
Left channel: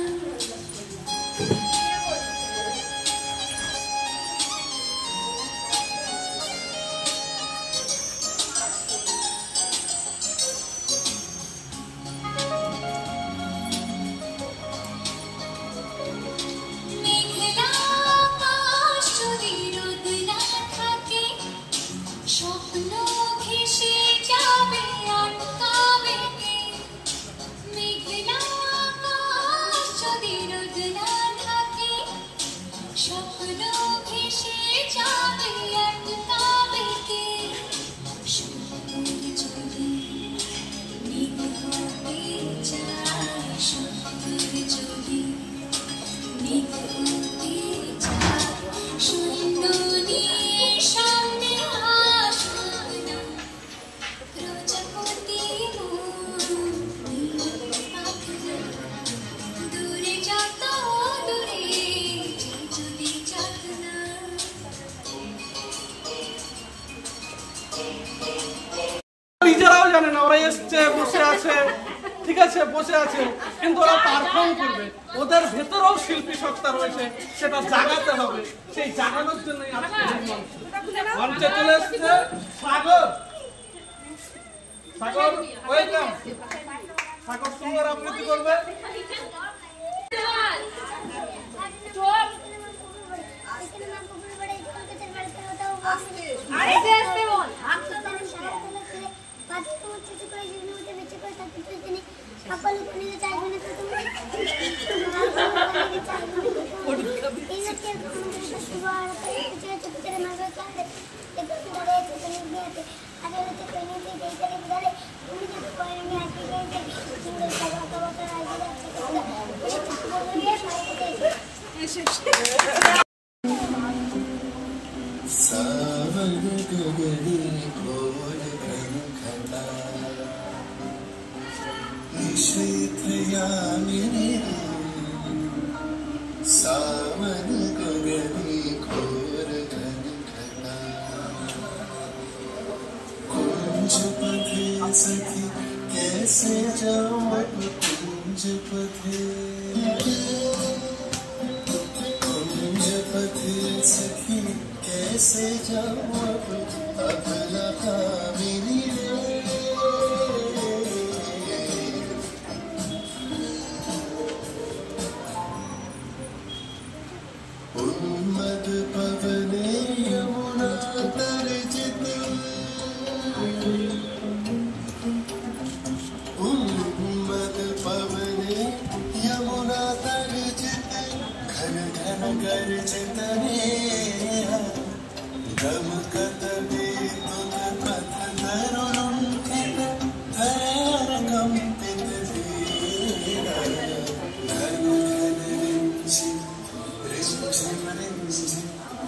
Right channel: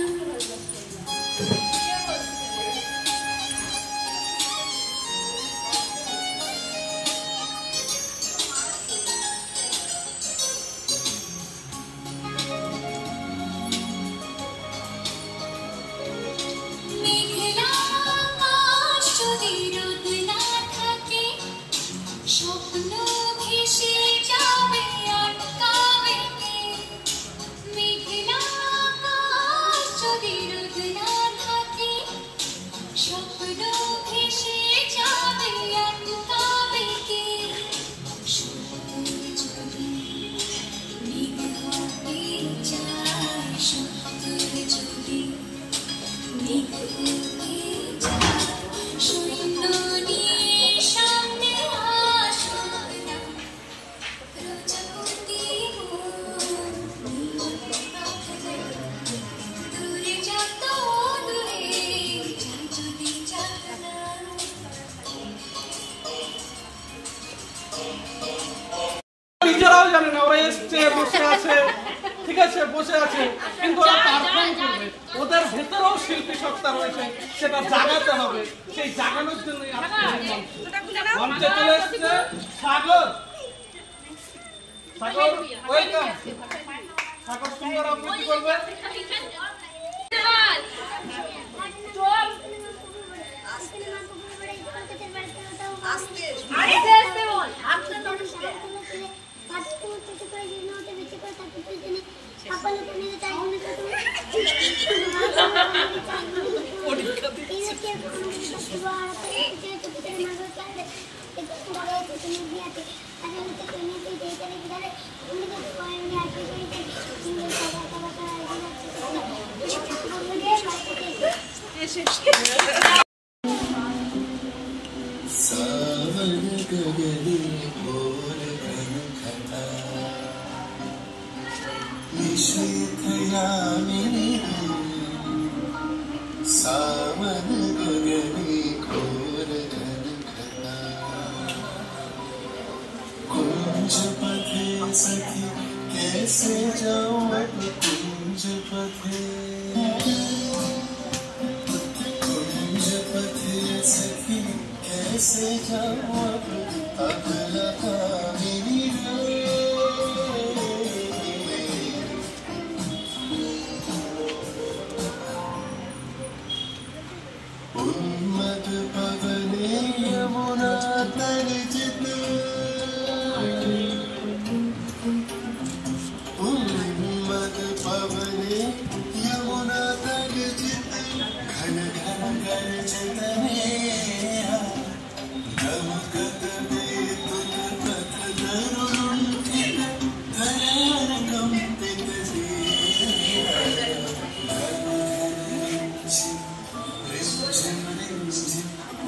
মেঘলা আকাশ যদি রোদ না থাকে, স্বপ্ন ভেসে যাবে আটকাবে কে? মেঘলা আকাশ যদি রোদ না থাকে, স্বপ্ন ভেসে যাবে আটকাবে কে? সত্যের যদি মেঘ হতে চায়, সত্যের যদি মেঘ হতে চায়, শূন্য নিয়ে সামনে আসুক না। প্রজাপতি দূরে যত দূরে চাই যদি যাক না। নিজেরাও জানে না, ওরা এসছে বসে আছে, ঠিক আছে বসে আছে, কিন্তু ওরা পারফর্ম করবে। ওদের ভেতরেও শিল্পী সত্তা রয়েছে, সেটা জাগাতে হবে। সেই জাগানোর জন্যই আজকে এই মঞ্চ। মঞ্চে চলে এসছে সাগর। সাগর ওয়েলকাম। সাগর সুন্দর আবৃত্তি করবে। सावन गगने घोर घनघटा, निशीथ यामिनी सावन गगने घोर घनघटा, कुंज पथे सखी कैसे जाऊं कुंज पथे, कुंज पथे सखी कैसे जाऊं अगला कामिनी रे। उन्मद पवने यमुना तर्जित, उन्मद पवने यमुना तर्जित, घन घन गर्जित मेरा गमगत बेतुक पथ तरुणुंठित, धरार कंपित धीरा, धन रिंझिम रिंझिम रिंझिम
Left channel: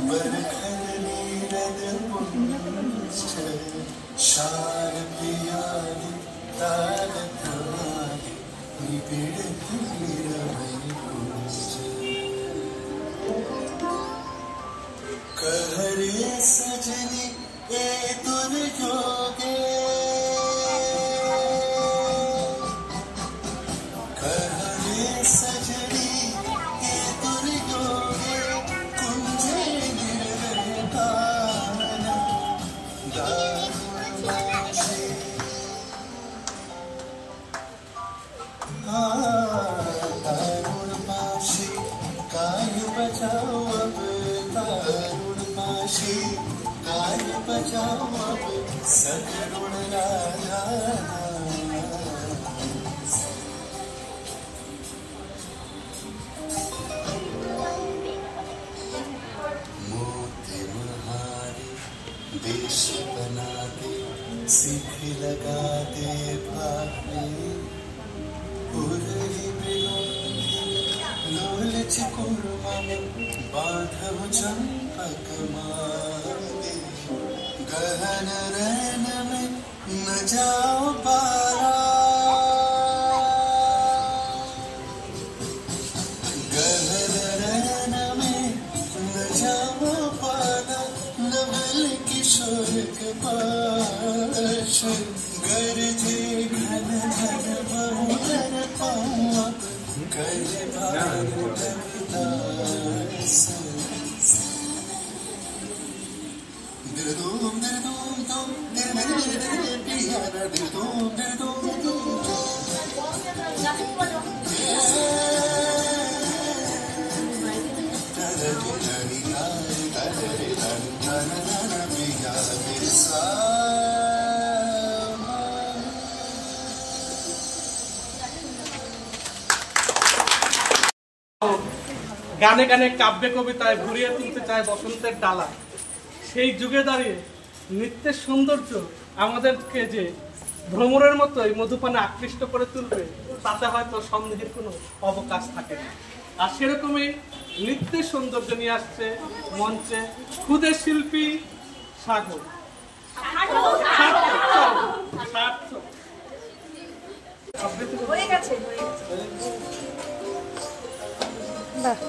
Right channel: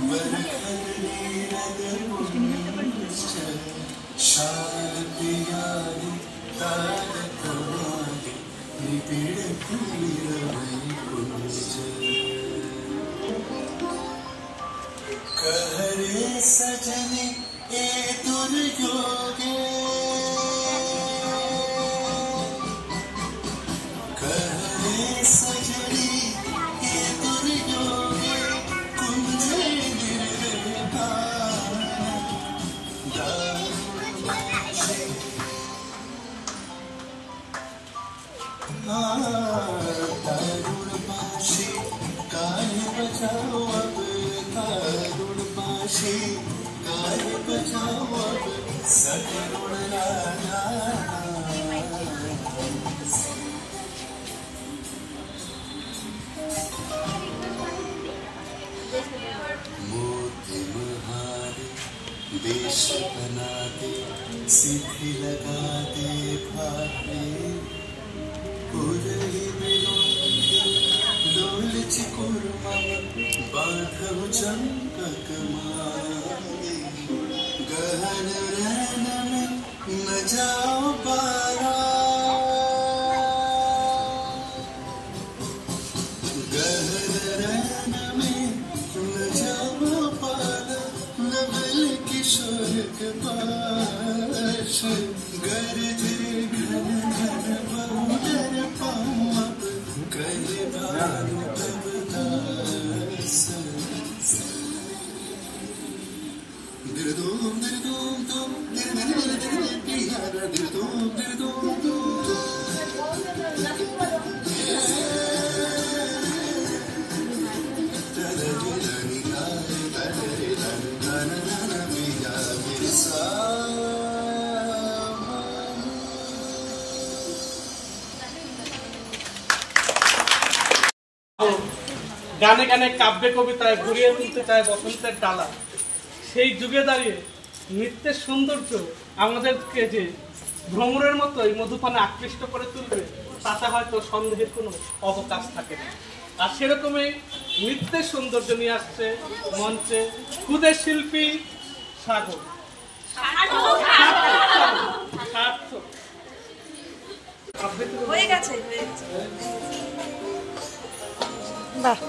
बरखल नीरद पुंज, शारदियादि तारक मादि निबिड़ निरवै पूज। कहरे सजनी ए दुर्योगे, कहरे सजनी ए दुर्योगे, कुंजे निर्विकार दारुण तारुण पाशी काय बचाओ अब तारुण पाशी काय बचाओ अब सतरुण राधा मोती महारे देश बनाते सिद्धि लगाते भावे लोल चिकुर्मम बांधव चंपक मारे गहन रैन में न जाओ पारा गहन रैन में न जाओ पारा नवल किशोर के पास गरजे घन घन बहुदर पाप कर भार कबदास दिल दूम दूम दिल प्यारा दिल दूम গানে গানে কাব্যে কবিতায় ঘুরিয়ে তুলতে চায় বসন্তের ডালা। সেই যুগে দাঁড়িয়ে নৃত্যের সৌন্দর্য আমাদেরকে যে ভ্রমরের মতোই মধুপানে আকৃষ্ট করে তুলবে তাতে হয়তো সন্দেহের কোনো অবকাশ থাকে না। আর সেরকমই নৃত্যের সৌন্দর্য নিয়ে আসছে মঞ্চে ক্ষুদে শিল্পী সাগর। হয়ে গেছে বাহ,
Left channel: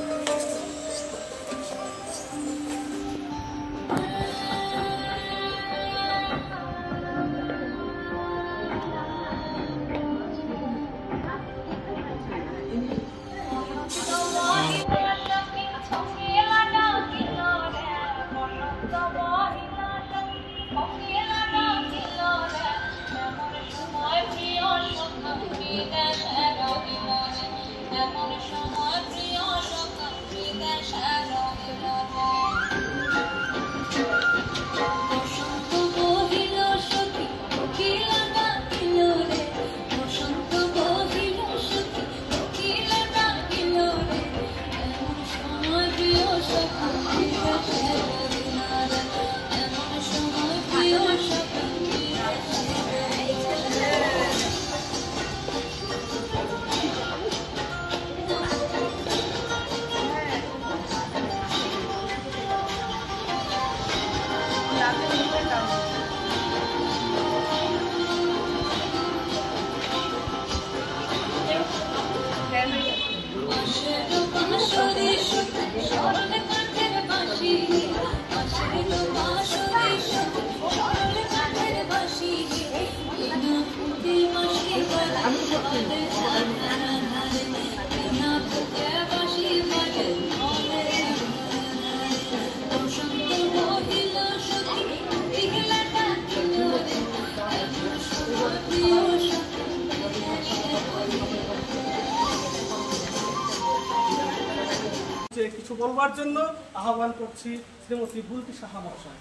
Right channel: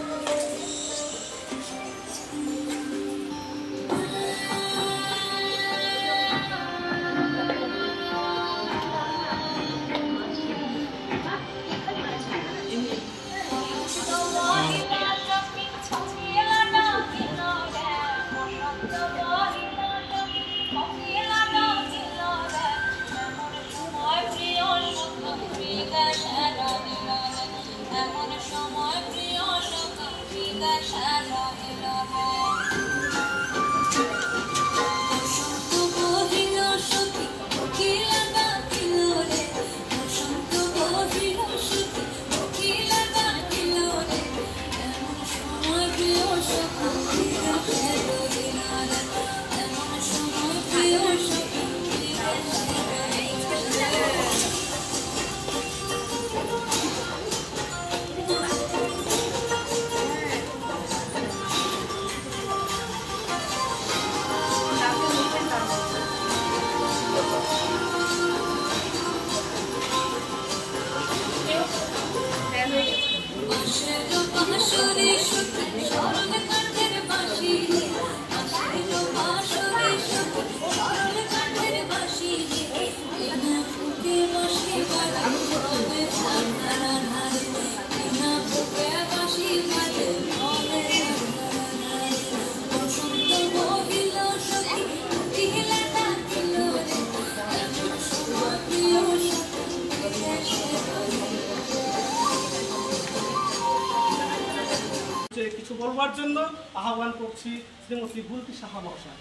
কিছু বলবার জন্য আহ্বান করছি শ্রীমতী বুলটি সাহা মহাশয়।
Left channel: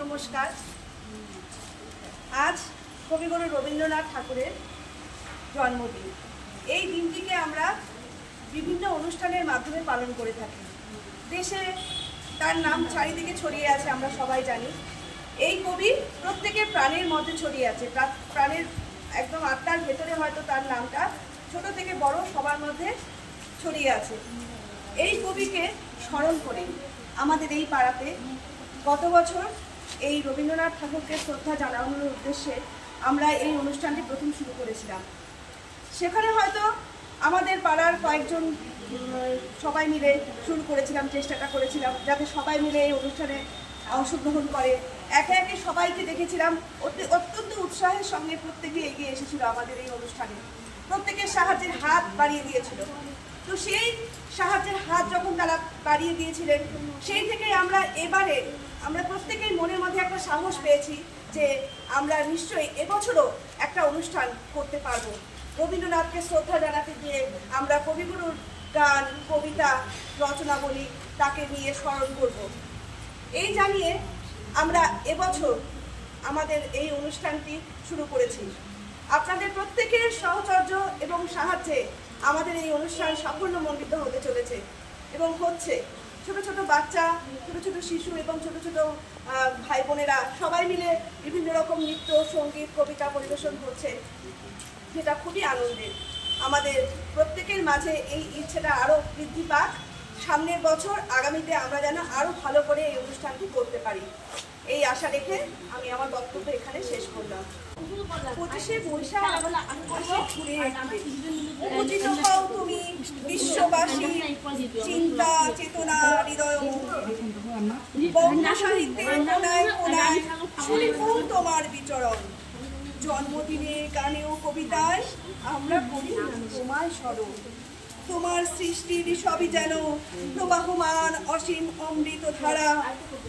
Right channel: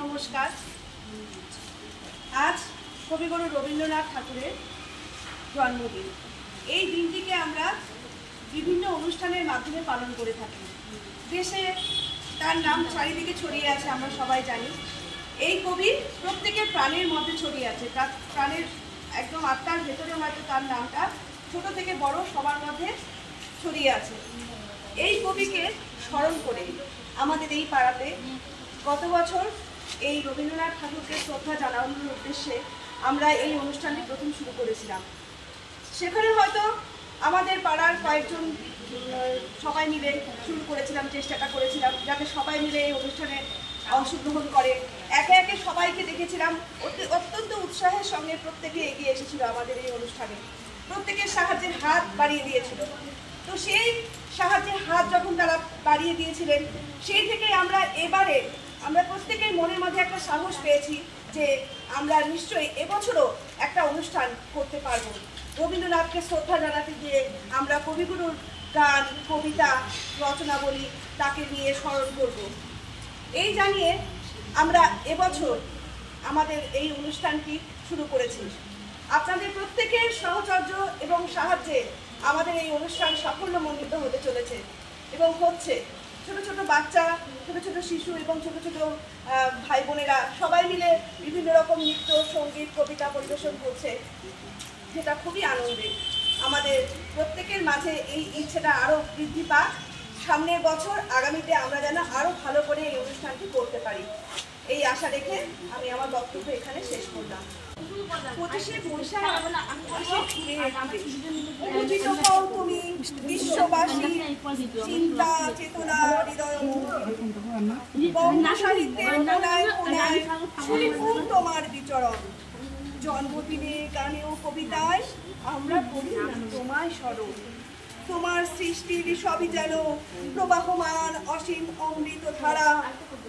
নমস্কার। আজ কবিগুরু রবীন্দ্রনাথ ঠাকুরের জন্মদিন। এই দিনটিকে আমরা বিভিন্ন অনুষ্ঠানের মাধ্যমে পালন করে থাকি। দেশে তার নাম চারিদিকে ছড়িয়ে আছে, আমরা সবাই জানি। এই কবি প্রত্যেকের প্রাণের মধ্যে ছড়িয়ে আছে, প্রাণের একদম আত্মার ভেতরে হয়তো তার নামটা ছোট থেকে বড় সবার মধ্যে ছড়িয়ে আছে। এই কবিকে স্মরণ করে আমাদের এই পাড়াতে গত বছর এই রবীন্দ্রনাথ ঠাকুরকে শ্রদ্ধা জানানোর উদ্দেশ্যে আমরা এই অনুষ্ঠানটি প্রথম শুরু করেছিলাম। সেখানে হয়তো আমাদের পাড়ার কয়েকজন সবাই মিলে শুরু করেছিলাম, চেষ্টাটা করেছিলাম যাতে সবাই মিলে এই অনুষ্ঠানে অংশগ্রহণ করে। একে একে সবাইকে দেখেছিলাম অত্যন্ত উৎসাহের সঙ্গে প্রত্যেকে এগিয়ে এসেছিল আমাদের এই অনুষ্ঠানে, প্রত্যেকের সাহায্যের হাত বাড়িয়ে দিয়েছিল। তো সেই সাহায্যের হাত যখন তারা বাড়িয়ে দিয়েছিলেন, সেই থেকে আমরা প্রত্যেকের মনের মধ্যে একটা সাহস পেয়েছি যে আমরা নিশ্চয়ই এবছরও একটা অনুষ্ঠান করতে পারবো। রবীন্দ্রনাথকে শ্রদ্ধা জানাতে গিয়ে আমরা কবিগুরুর গান, কবিতা, রচনাবলী তাকে নিয়ে স্মরণ করব। এই জানিয়ে আমরা এবছর আমাদের এই অনুষ্ঠানটি শুরু করেছি। আপনাদের প্রত্যেকের সহচর্য এবং সাহায্যে আমাদের এই অনুষ্ঠান সাফল্যমণ্ডিত হতে চলেছে এবং হচ্ছে। ছোট ছোট বাচ্চা, ছোট ছোট শিশু এবং ছোট ছোট ভাই বোনেরা সবাই মিলে বিভিন্ন রকম নৃত্য, সঙ্গীত, কবিতা পরিবেশন করছে, যেটা খুবই আনন্দের। আমাদের প্রত্যেকের মাঝে এই ইচ্ছেটা আরও বৃদ্ধি পাক। সামনের বছর আগামীতে আমরা যেন আরও ভালো করে এই অনুষ্ঠানটি করতে পারি, এই আশা রেখে আমি আমার বক্তব্য এখানে শেষ করলাম। 25শে বৈশাখ পূজিত হও তুমি বিশ্ববাসী, চিন্তা চেতনা হৃদয় বঙ্গ সাহিত্যের কোনায় কোনায় সুরিপুর তোমার বিচরণ। জন্মদিনে গানে ও কবিতায় আমরা করি তোমায় স্মরণ। তোমার সৃষ্টির সবই যেন প্রবাহমান অসীম অমৃত ধারা,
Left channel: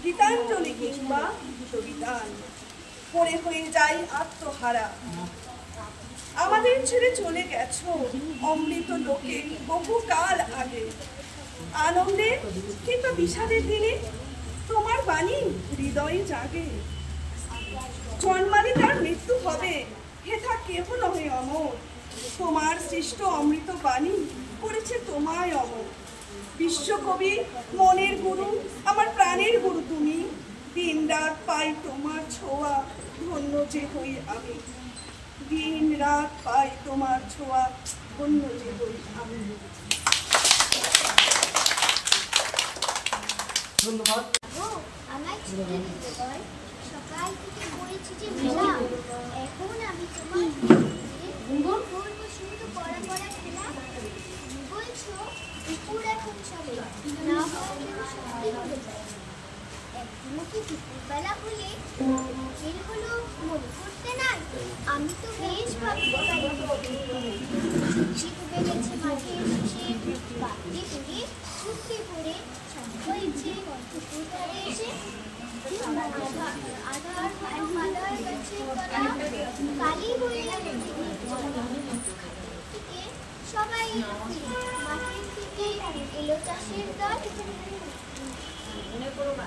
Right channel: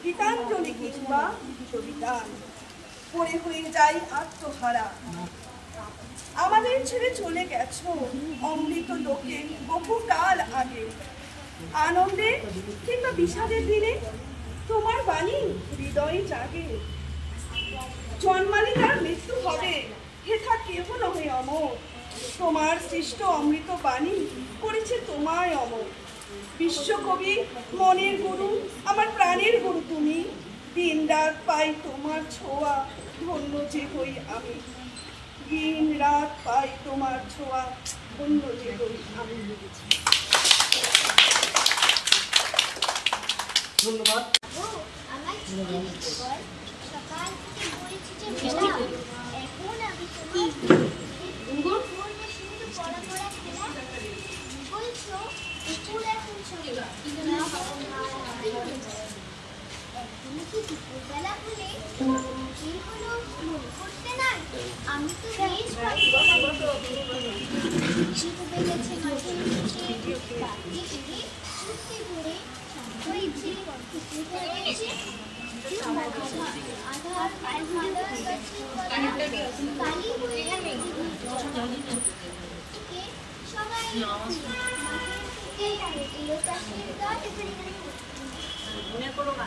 গীতাঞ্জলি কিংবা কবিতান পড়ে হয়ে যায় আত্মহারা। আমাদের ছেড়ে চলে গেছো অমৃত লোকে বহুকাল আগে। আনন্দে কিংবা বিষাদের দিনে তোমার বাণী হৃদয়ে জাগে। জন্মালে তার মৃত্যু হবে, হেথা কেহ নহে অমর। তোমার সৃষ্ট অমৃত বাণী করেছে তোমায় অমর। বিশ্বকবি মনের গুরু, আমার প্রাণের গুরু তুমি। দিন রাত পাই তোমার ছোঁয়া, ধন্য যে হই আমি। দিন রাত পাই তোমার ছোঁয়া, ধন্য যে হই আমি। ধন্যবাদ। আমার ছুটি দিতে বল, সকাল থেকে বলছি যে মেলা, এখন আমি তোমার করবো শুধু পড়া পড়া খেলা। বলছো দুপুর এখন সবে না একদিনে কি দুপুরবেলা হলে মুখের হলো মন করতে নাই। আমি তো বেশ শীত বেড়েছে মাঠের নিচে, বাকি করে চুটকে করে হয়েছে এসে আধার আধার গাছে কালি হয়ে সবাই মাঠের দিকে এলো চাষের দল। মনে করো না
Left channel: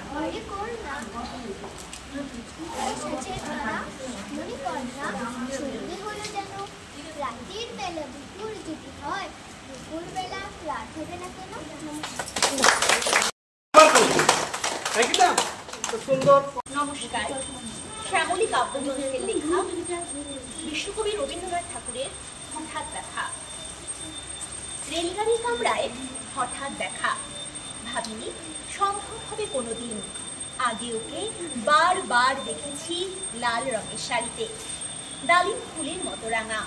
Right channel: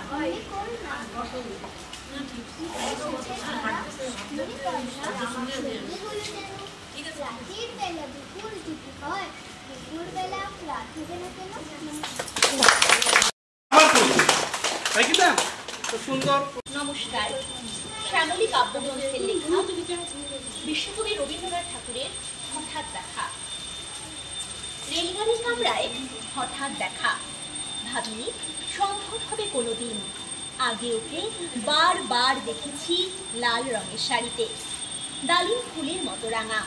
রাতের বেলা দুপুর যদি হয়, দুপুর বেলা রাত হবে না কেন? নমস্কার। শ্যামলী কাব্যগ্রন্থের লেখা বিশ্বকবি রবীন্দ্রনাথ ঠাকুরের হঠাৎ দেখা। রেলগাড়ির কামরায় হঠাৎ দেখা, ভাবিনি সম্ভব হবে কোনোদিন। আগে ওকে বারবার দেখেছি লাল রঙের শাড়িতে, ডালিম ফুলের মতো রাঙা।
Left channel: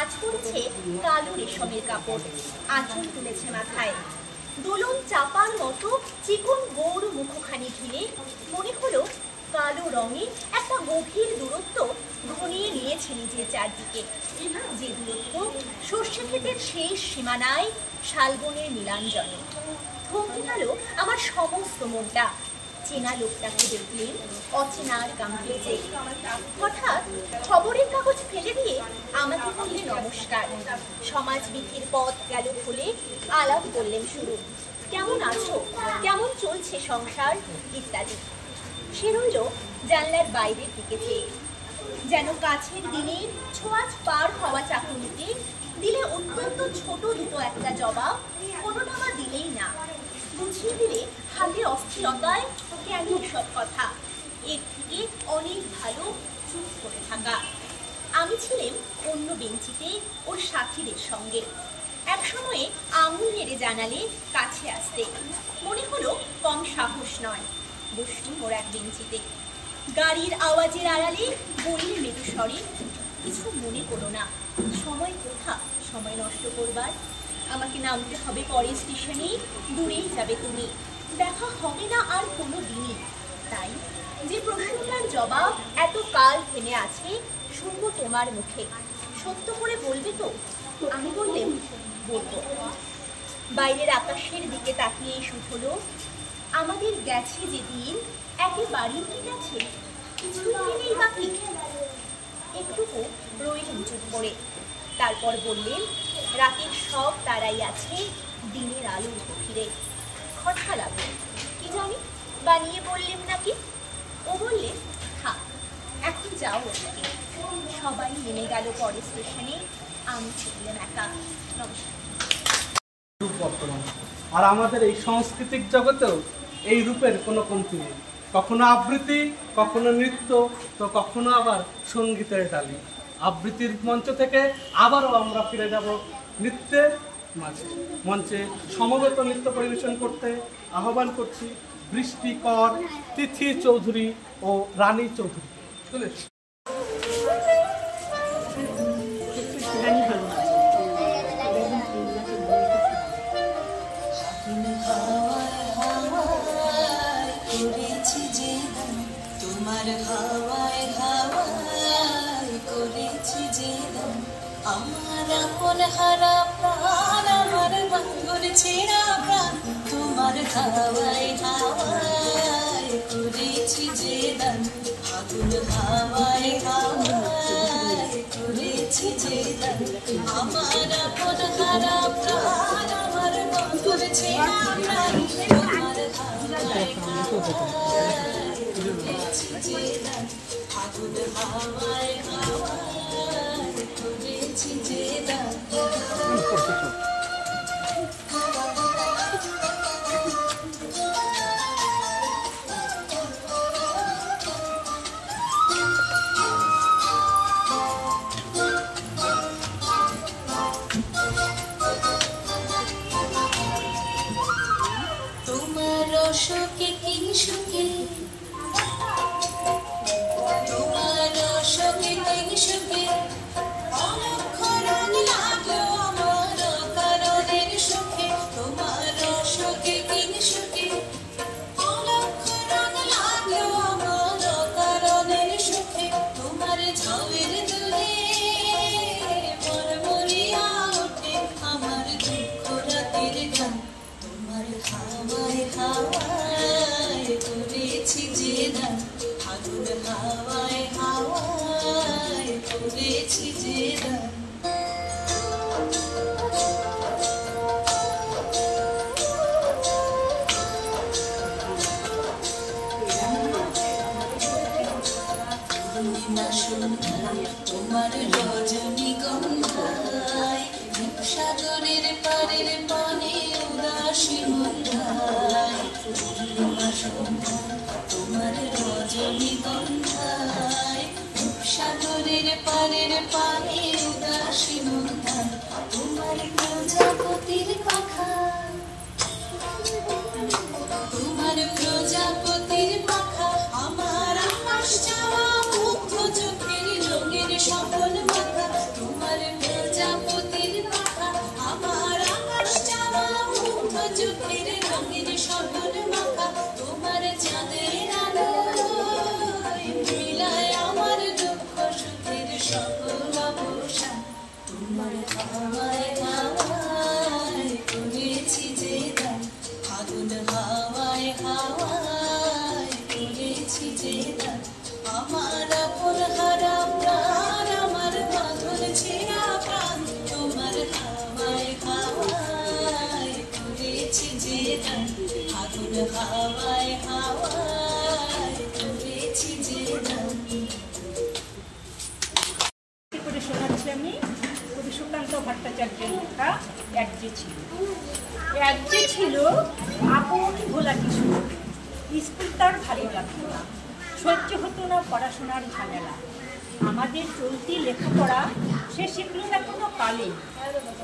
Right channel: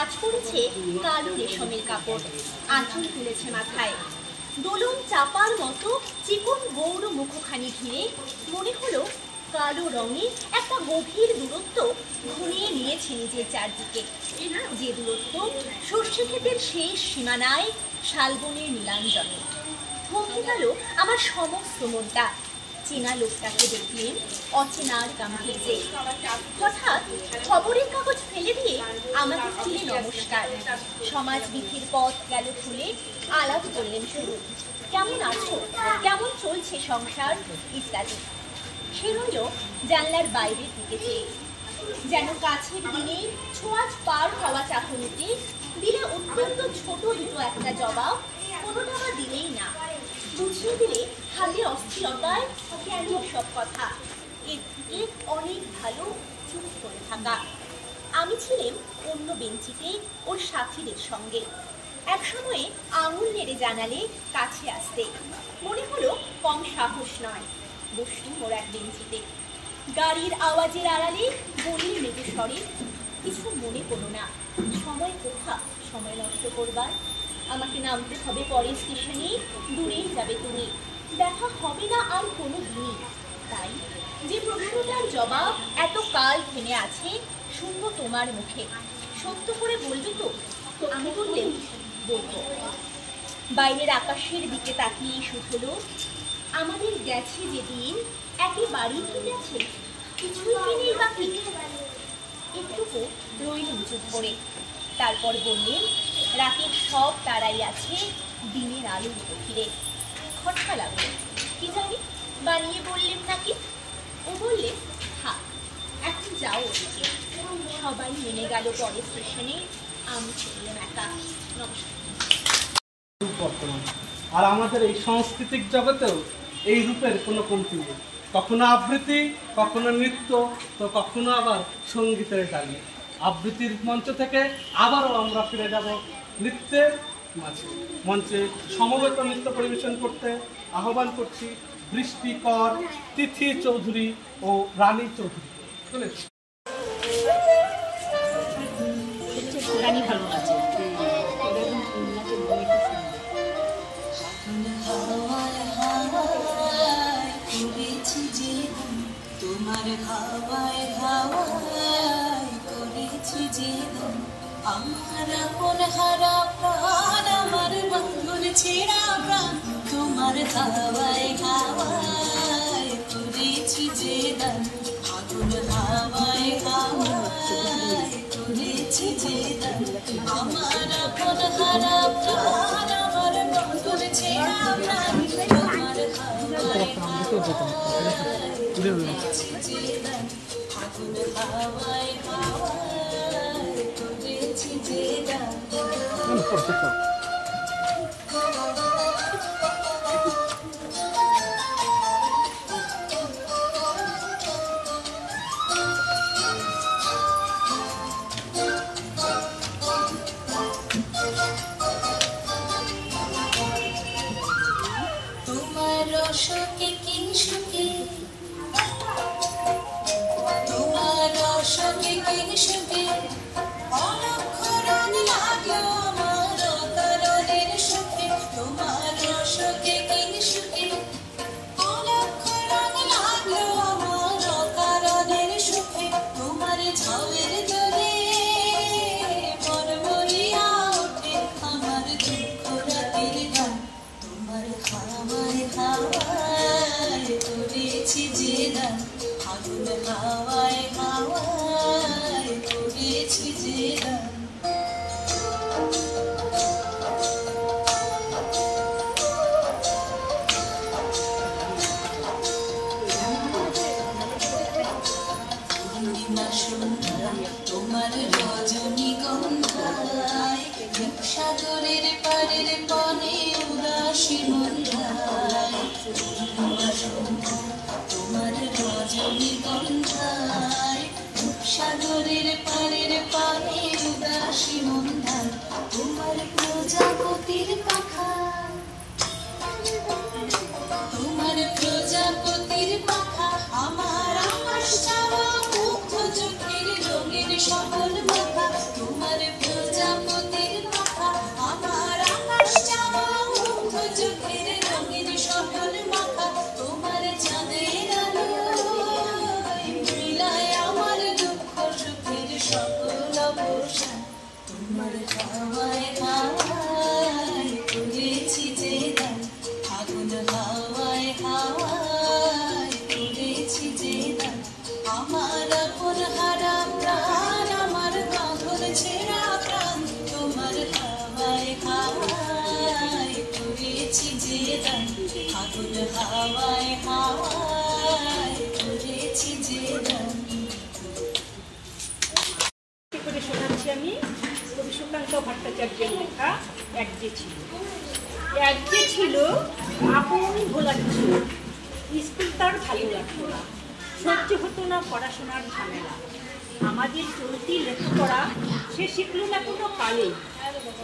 আজ পড়েছে কালো রেশমের কাপড়, আঁচল তুলেছে মাথায়। দোলন চাপার মতো চিকন গৌর মুখখানি ঘিরে মনে হলো কালো রঙে একটা গভীর দূরত্ব ঘনিয়ে নিয়েছে নিজের চারদিকে। যে দূরত্ব সর্ষে ক্ষেতের শেষ সীমানায় শালবনের নীলাঞ্জনে। থমকে গেল আমার সমস্ত মনটা। চেনা লোকটাকে দেখলেন অচেনার গাম্ভীর্যে। হঠাৎ খবরের কাগজ ফেলে দিয়ে আমাকে বললেন নমস্কার। সমাজবিধির পথ গেল খুলে, আলাপ করলেন শুরু। কেমন আছো, কেমন চলছে সংসার ইত্যাদি। সে রইল জানলার বাইরের দিকে চেয়ে, যেন কাছের দিনে ছোঁয়াচ পার হওয়া চাকুনিতে দিলে অত্যন্ত ছোট দুটো একটা জবাব, কোনোটা বা দিলেই না। বুঝিয়ে দিলে হাতের অস্থিরতায় কেন সব কথা, এর থেকে অনেক ভালো চুপ করে থাকা। আমি ছিলাম অন্য বেঞ্চিতে ওর সাথীদের সঙ্গে। এক সময়ে আঙুল নেড়ে জানালে কাছে আসতে, মনে হলো কম সাহস নয়। বসলুম ওর এক বেঞ্চিতে। গাড়ির আওয়াজের আড়ালে বললেন মৃদু স্বরে, কিছু মনে করো না, সময় কোথা সময় নষ্ট করবার। আমাকে নামতে হবে পরের স্টেশনে, দূরেই যাবে তুমি, দেখা হবে না আর কোনো দিনই। তাই যে প্রশ্নটার জবাব এত কাল থেমে আছে শুনবো তোমার মুখে, সত্য করে বলবে তো? আমি বললাম বলবো। বাইরের আকাশের দিকে তাকিয়ে শুধলো, আমাদের গেছে যেদিন একেবারেই কি গেছে? কিছুই কি নেই বাকি? একটুকু রইলেন চুপ করে। তারপর বললেন, রাতের সব তারাই আছে দিনের আলোর গভীরে। খটকা লাগলো, কি জানি বানিয়ে বললেন নাকি। ও বললে, থাক এখন যাও ওদিকে। সবাই নেমে গেল পরে স্টেশনে, আমি চললাম একা। নমস্কার। রূপ বর্তমান, আর আমাদের এই সাংস্কৃতিক জগতেও এই রূপের কোনো কমতি নেই। কখনো আবৃত্তি, কখনো নৃত্য, তো কখনো আবার সঙ্গীতের ডালি। আবৃত্তির মঞ্চ থেকে আবারও আমরা ফিরে যাব নৃত্যের মাঝে। মঞ্চে সমবেত নৃত্য পরিবেশন করতে আহ্বান করছি বৃষ্টি কর, তিথি চৌধুরী ও রানী চৌধুরী। চলেছি। তোমার হাওয়ায় হাওয়ায় করেছি যে আমার আপন হারা প্রাণ, আমার বাঙ্গুর ছেঁড়া প্রাণ। তোমার হাওয়ায় হাওয়ায় করেছি যে দান, আগুন হাওয়ায় হাওয়ায় করেছি যে দান। আমার আপন হারা প্রাণ, আমার বাঙ্গুর ছেঁড়া প্রাণ। তোমার হাওয়ায় করেছি যে দান, আগুন হাওয়ায় হাওয়ায় করেছি যে দান। তোমার রসকে কি সুখে, তোমার রসকে কি সুখে, অলক্ষ রং লাগলো আমার কারণের সুখে। তোমার রসকে কি সুখে, অলক্ষ রং লাগলো আমার কারণের সুখে। তোমার ঝাউয়ের দূরে মরমরিয়া ওঠে আমার দুঃখ রাতের গান। তোমার হাওয়ায় হাওয়ায় করেছি যে দান, আগুন হাওয়ায় হাওয়ায় করেছি যে দান। তোমার রজনীগন্ধায় সাগরের পারের পানে উদাসী মন্ধায়। তোমার রজনীগন্ধায় সাগরের পারের পানে উদাসী মন্ধায়। তোমার প্রজাপতির পাখা, তোমার প্রজাপতির পাখা, আমার আকাশ চাওয়া মুগ্ধ চোখের রঙের সকল মাথা। তোমার প্রজাপতির পাখা, আমার আকাশ চাওয়া মুগ্ধ চোখের রঙের সকল মাথা। তোমার চাঁদের আলো মিলায় আমার দুঃখ সুখের সকল অবসান। তোমার হাওয়ায় হাওয়ায় করেছি যে দান, আগুন হাওয়ায় হাওয়ায় করেছি যে দান। আমার আপন হারা প্রাণ, আমার বাঁধন ছেঁড়া প্রাণ। তোমার হাওয়ায় হাওয়ায় করেছি যে দান, আগুন হাওয়ায় হাওয়ায় করেছি যে দান। করে শোনাচ্ছি আমি কবি সুকান্ত ভট্টাচার্যের লেখা এক যে ছিল। এক যে ছিল আপন ভোলা কিছু, স্কুল তার ভালো লাগতো না, সহ্য হতো না পড়াশোনার ঝামেলা। আমাদের চলতি লেখাপড়া সে শিখল না কোনো কালেই,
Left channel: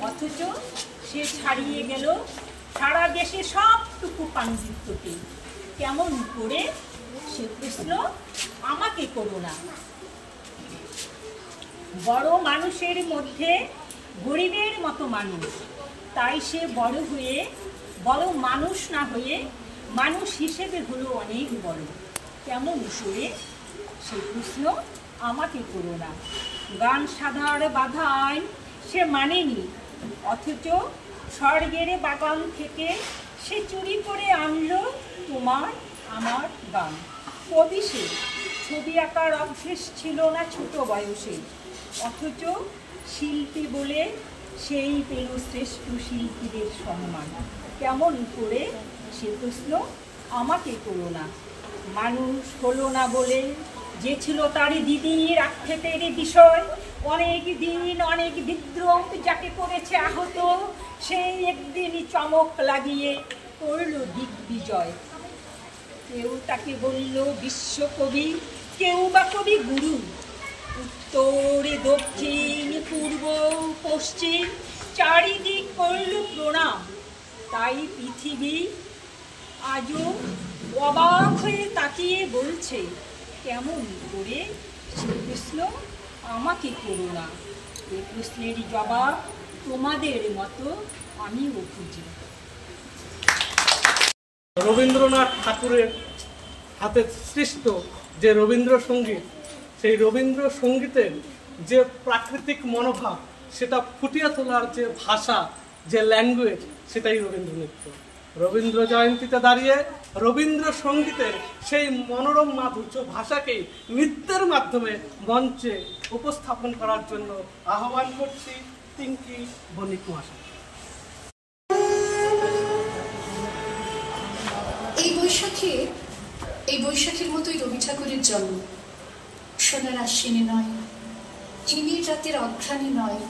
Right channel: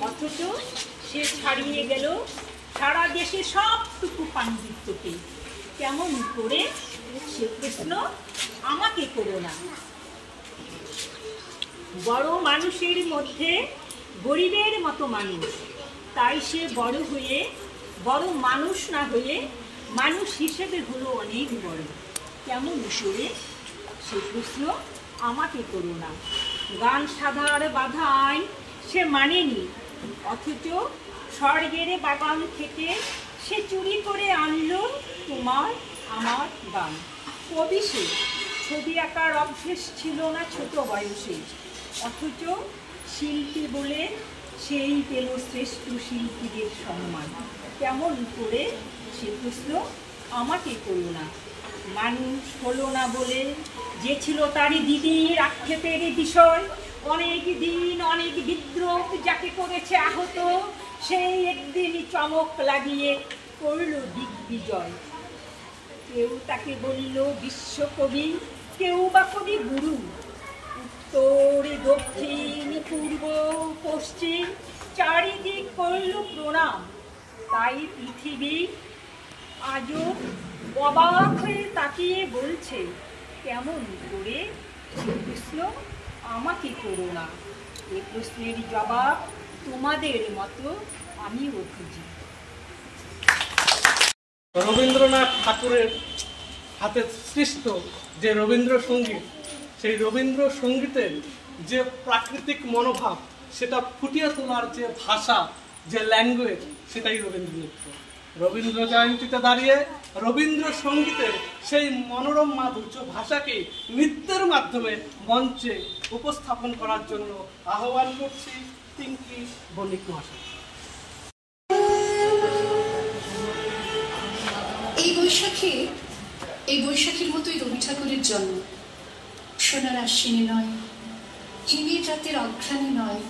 অথচ সে ছাড়িয়ে গেল সারা দেশে সবটুকু পাণ্ডিত্যকে। কেমন করে সে প্রশ্ন আমাকে করো না। বড় মানুষের মধ্যে গরিবের মতো মানুষ, তাই সে বড় হয়ে বড় মানুষ না হয়ে মানুষ হিসেবে হলো অনেক বড়। কেমন করে সে প্রশ্ন আমাকে করো না। গান সাধার বাধা আইন সে মানেনি, অথচ স্বর্গের বাগান থেকে সে চুরি করে আনলো তোমার আমার গান। কবি সে ছবি আঁকার অভ্যেস ছিল না ছোট বয়সে, অথচ শিল্পী বলে সেই পেল শ্রেষ্ঠ শিল্পীদের সম্মান। কেমন করে সে প্রশ্ন আমাকে করো না। মানুষ হলো না বলে যে ছিল তার দিদির আক্ষেপের বিষয়, অনেক দিন অনেক বিদ্রোহ যাকে করেছে আহত, সেই একদিন চমক লাগিয়ে করল দিগ্বিজয়। কেউ তাকে বলল বিশ্বকবি, কেউ বা কবি গুরু। উত্তরে দক্ষিণ পূর্ব পশ্চিম চারিদিক করল প্রণাম। তাই পৃথিবী আজও অবাক হয়ে তাকিয়ে বলছে, কেমন করে সে প্রশ্ন আমাকে করো না। এ প্রশ্নের জবাব তোমাদের মতো আমিও খুঁজি। রবীন্দ্রনাথ ঠাকুরের হাতে সৃষ্ট যে রবীন্দ্রসঙ্গীত, সেই রবীন্দ্রসঙ্গীতের যে প্রাকৃতিক মনোভাব, সেটা ফুটিয়ে তোলার যে ভাষা, যে ল্যাঙ্গুয়েজ, সেটাই রবীন্দ্রনৃত্য। রবীন্দ্র জয়ন্তীতে দাঁড়িয়ে রবীন্দ্রসঙ্গীতের সেই মনোরম মাধুর্য ভাষাকে নৃত্যের মাধ্যমে মঞ্চে উপস্থাপন করার জন্য আহ্বান করছি পিঙ্কি বণিক মহাশয়। এই বৈশাখীর মতোই রবি ঠাকুরের জন্ম। সোনার আশ্বিনে নয়, হিমের রাতের অঘ্রাণে নয়,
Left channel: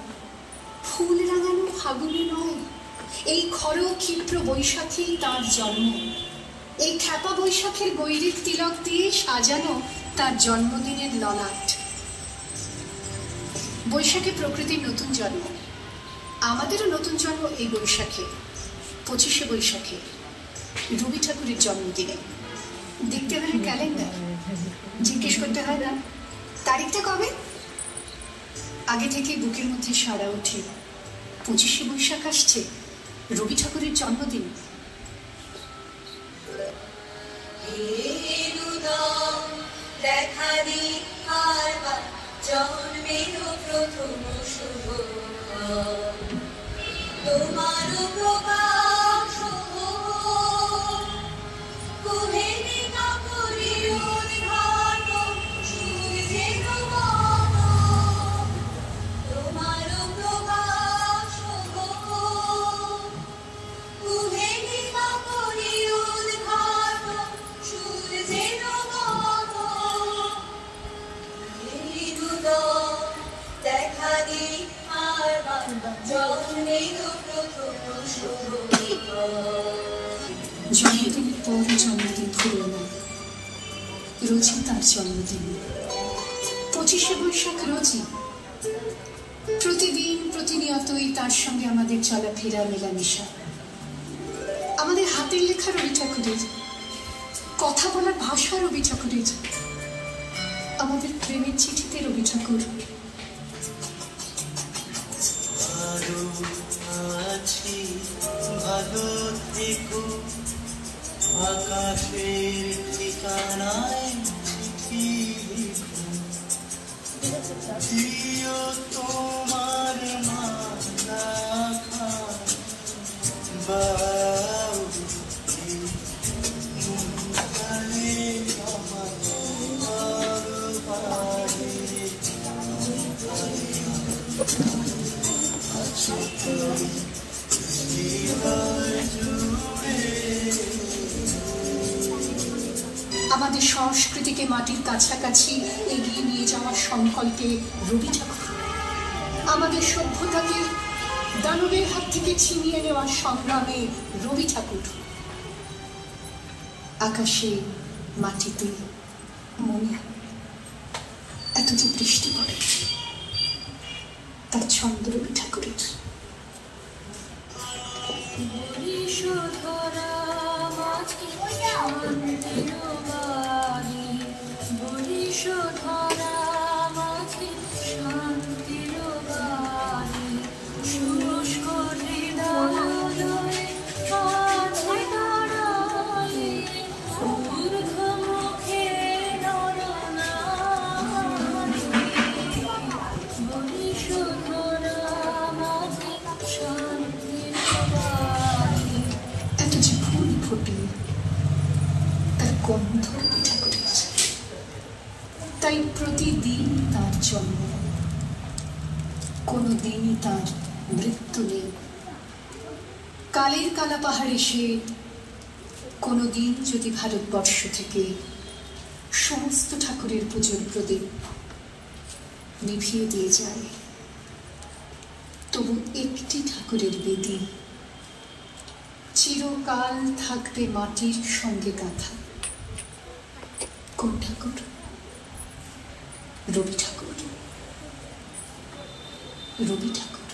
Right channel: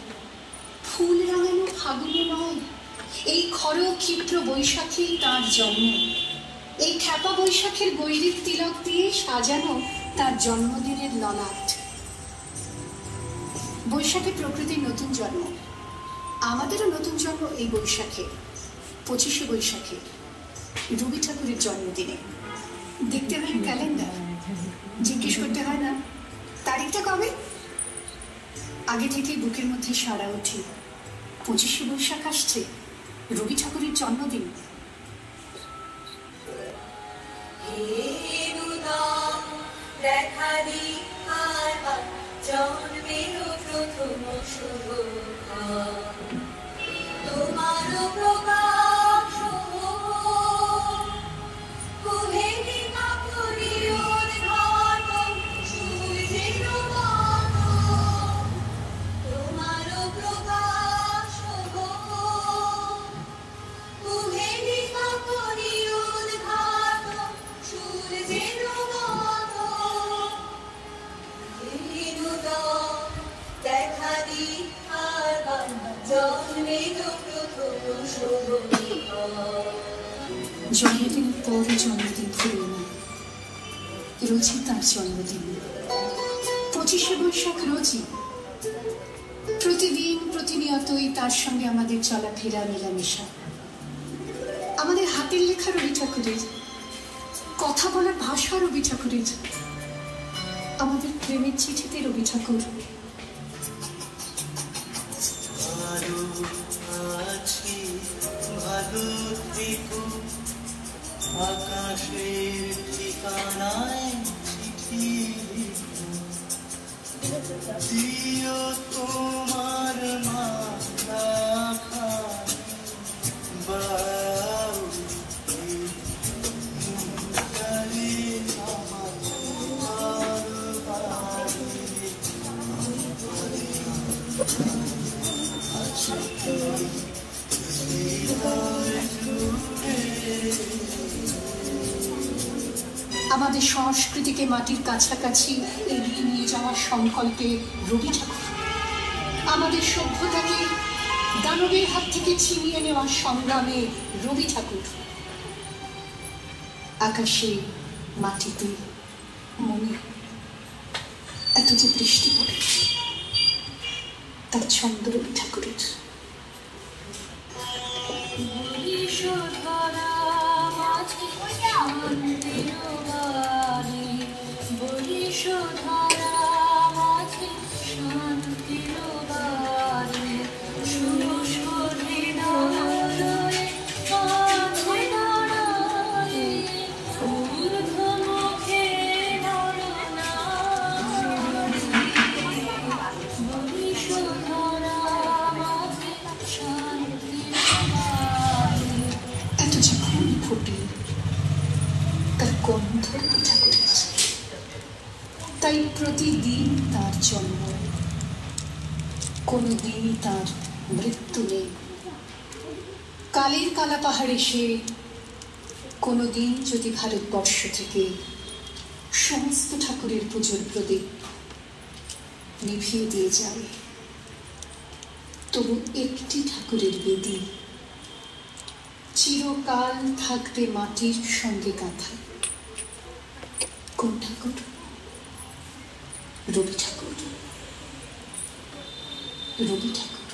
ফুল রাঙানো ফাগুনে নয়, এই খর ক্ষিপ্র বৈশাখী তার জন্ম। এই খ্যাপা বৈশাখের গৈরিক তিলক দিয়ে সাজানো তার জন্মদিনের ললাট। বৈশাখে প্রকৃতির নতুন জন্ম, আমাদেরও নতুন জন্ম এই বৈশাখে, 25শে বৈশাখে, রবি ঠাকুরের জন্মদিনে। দেখতে হয় ক্যালেন্ডার, জিজ্ঞেস করতে হয় না তারিখটা কবে। আগে থেকে বুকের মধ্যে সাড়া ওঠে, 25শে বৈশাখ আসছে, রবি ঠাকুরের জন্মদিন। দেখা দি আর জন্মের প্রথম শুভ তোমার প্রকাশ কুহেলি কাপড়ি উদ্ঘাটন সূর্যের মতো তোমার প্রকাশ কুহেলি কাপড়ি উদ্ঘাটন সূর্যের মতো দেখা দি আর জন্মের প্রথম শুভ জন্মদিনের পর জন্মদিন ভুলো না, রোজই তার জন্মদিন। 25শে বৈশাখ রোজই, প্রতিদিন প্রতিনিয়তই তার সঙ্গে আমাদের চলাফেরা মেলামেশা। আমাদের হাতের লেখা রবি ঠাকুরের, কথা বলার ভাষা রবি ঠাকুরের, আমাদের প্রেমের চিঠিতে রবি ঠাকুর। ভালো থেকো আকাশের ঠিকানায় চিঠি দিও তোমার মালা আমাদের সংস্কৃতিকে মাটির কাছাকাছি এগিয়ে নিয়ে যাওয়ার সংকল্পে রবি ঠাকুর, আমাদের সভ্যতাকে দানবের হাত থেকে ছিনিয়ে নেওয়ার সংগ্রামে রবি ঠাকুর। আকাশে মাটিতে মনে এত যে বৃষ্টি পড়ে, তার ছন্দ রবি ঠাকুরের। ধরা তার জন্ম, কোনো দিনই তার মৃত্যু নেই। কালের কালা পাহাড়ে সে কোনো দিন যদি ভারতবর্ষ থেকে সমস্ত ঠাকুরের পুজোর প্রদীপ নিভিয়ে দিয়ে যায়, তবু একটি ঠাকুরের বেদি চিরকাল থাকবে মাটির সঙ্গে গাঁথা। কোন ঠাকুর? রবি ঠাকুর। রবি ঠাকুর।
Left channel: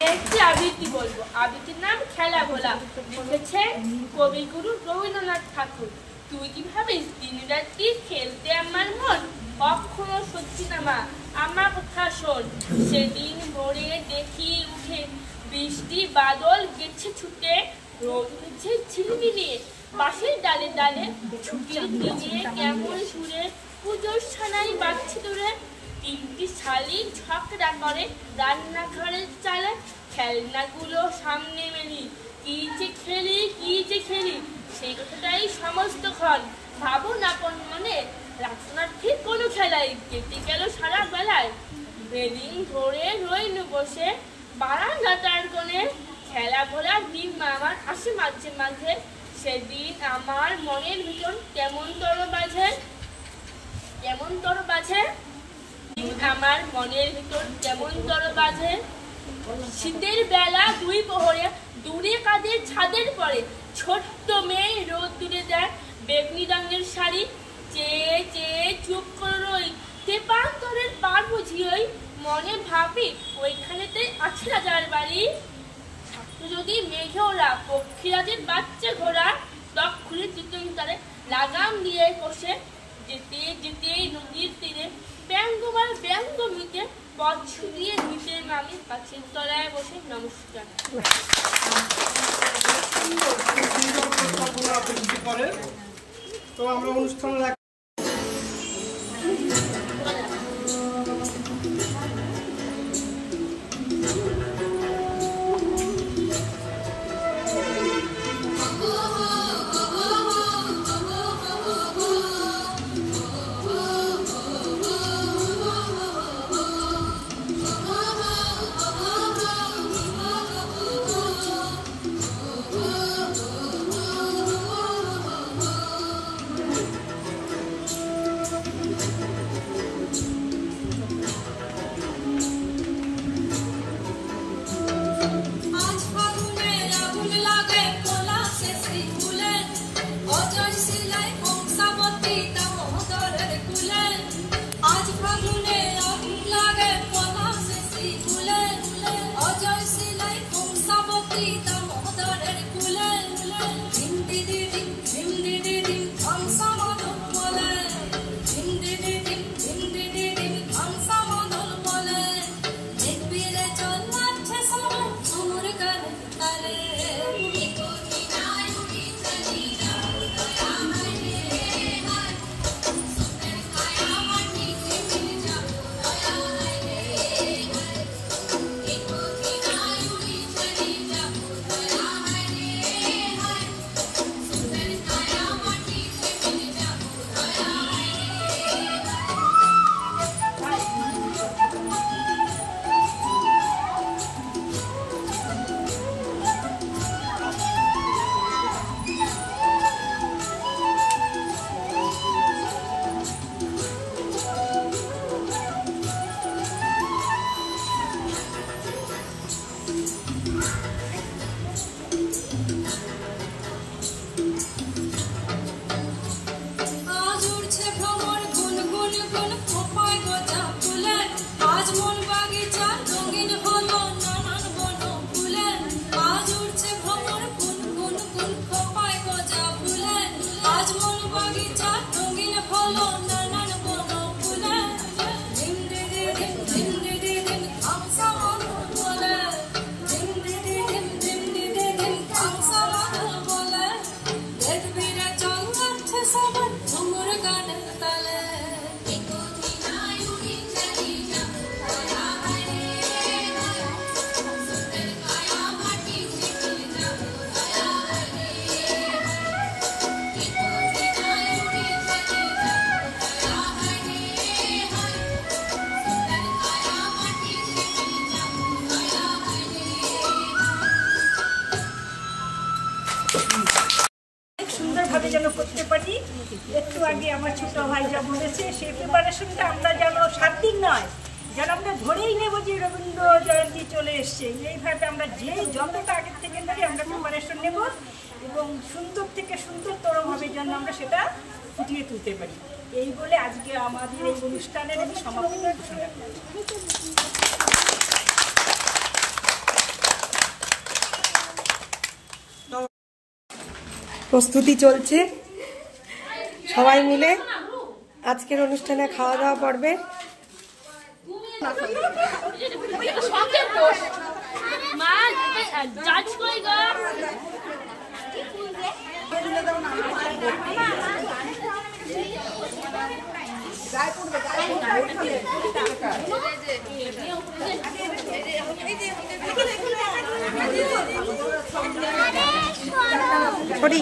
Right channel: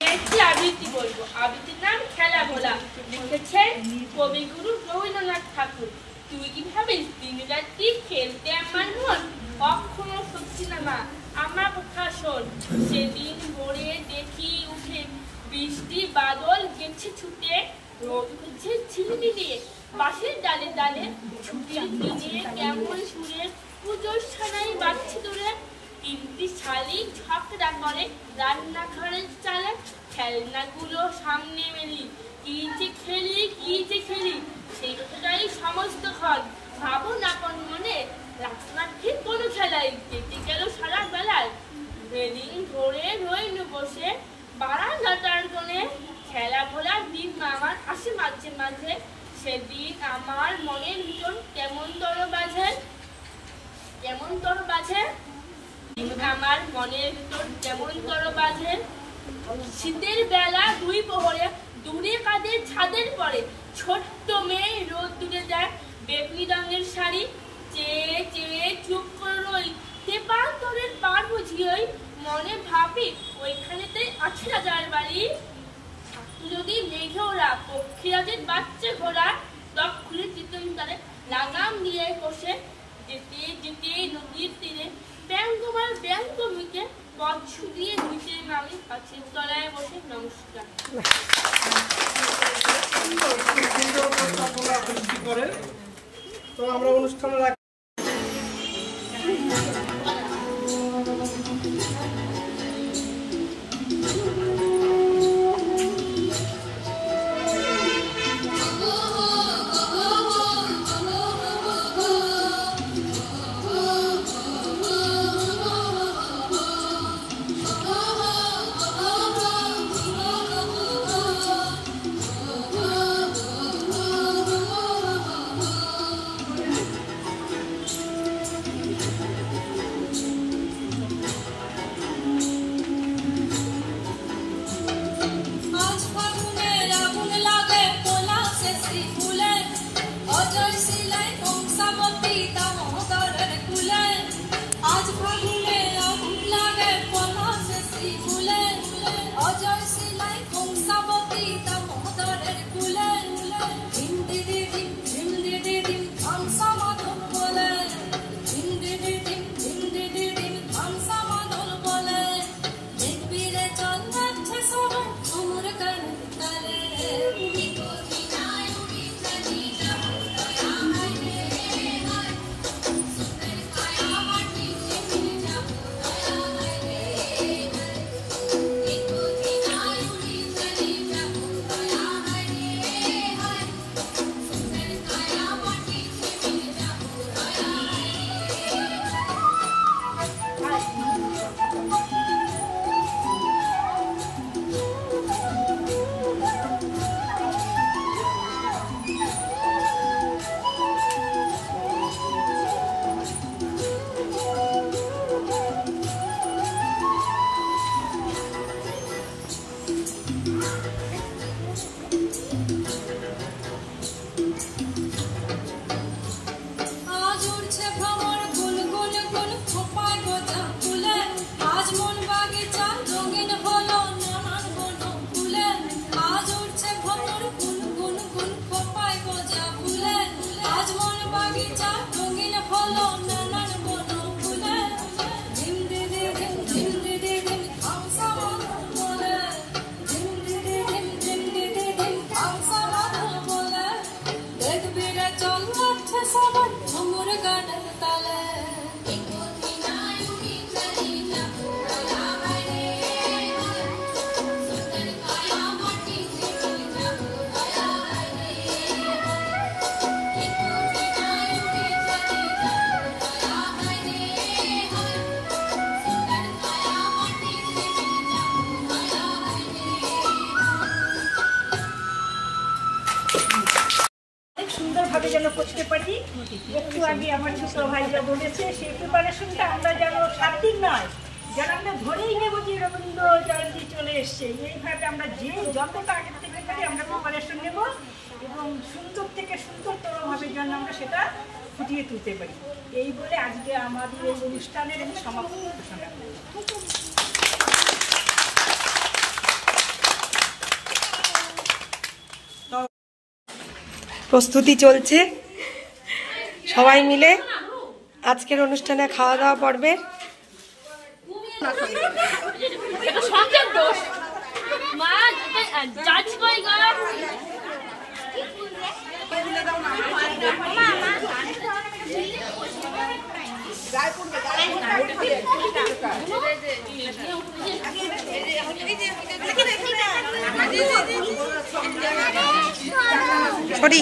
একটি আবৃত্তি বলবো। আবৃত্তির নাম খেলা ভোলা, লিখেছেন কবিগুরু রবীন্দ্রনাথ ঠাকুর। তুই কি ভাবিস দিন রাত্রি খেলতে আমার মন? কখনো সত্যি না মা, আমার কথা শোন। সেদিন ভোরে দেখি উঠে বৃষ্টি বাদল গেছে ছুটে, রোদ উঠেছে ঝিলমিলিয়ে বাঁশের ডালে ডালে। ছুটির দিনে কেমন সুরে পুজোর ছানাই বাজছে দূরে। তিনটি শালি ঝগড়া করে রান্নাঘরের চালে। খেলনাগুলো সামনে মেলি, কি যে খেলি কি যে খেলি, সেই কথাটাই সমস্তক্ষণ ভাবো আপন মনে। রাখনা ঠিক কোনো খেলাই কেটে গেল সারা বেলায়। রেলিং ধরে রইনু বসে বারান্দাটার কোণে। খেলা ভোলার দিন আমার আসে মাঝে মাঝে। সেদিন আমার মনের ভিতর কেমন তর বাজে, কেমন তর বাজে। আমার মনের ভিতর কেমন তর বাজে। শীতের বেলা দুই প্রহরে দূরে কাঁধে ছাদের পরে ছোট্ট মেয়ে রোদ দূরে দেয় বেগনি রঙের শাড়ি। চেয়ে চেয়ে চুপ করে রই তেপান্তরের পার বুঝিয়েই। মনে ভাবি ওইখানেতে আছে রাজার বাড়ি। থাকতো যদি মেঘে ওরা পক্ষীরাজের বাচ্চা ঘোড়া। তক্ষুনি চিতন তারে লাগাম দিয়ে কষে যেতে যেতে নদীর তীরে ব্যঙ্গবার ব্যঙ্গ মিটে পথ শুধিয়ে নিতে আমি গাছের তলায় বসে নমস্কার। তো আমরা অনুষ্ঠানে সুন্দরভাবে যেন করতে পারি। একটু আগে আমার ছোট ভাইরা বলেছে সেই প্রিপারেশনটা আমরা যেন 7 দিন নয়, যেন আমরা ধরেই নেব যে রবীন্দ্র জয়ন্তী চলে এসছে। এইভাবে আমরা যেই যতটা আগের থেকে পারি আমরা প্রিপারেশন নেব এবং সুন্দর থেকে সুন্দরতরভাবে যেন আমরা সেটা ফুটিয়ে তুলতে পারি। এই বলে আজকে আমাদের এই অনুষ্ঠানের সমাপ্তি ঘোষণা করি। প্রস্তুতি চলছে সবাই মিলে আজকের অনুষ্ঠানে খাওয়া দাওয়া পর্বে। সরি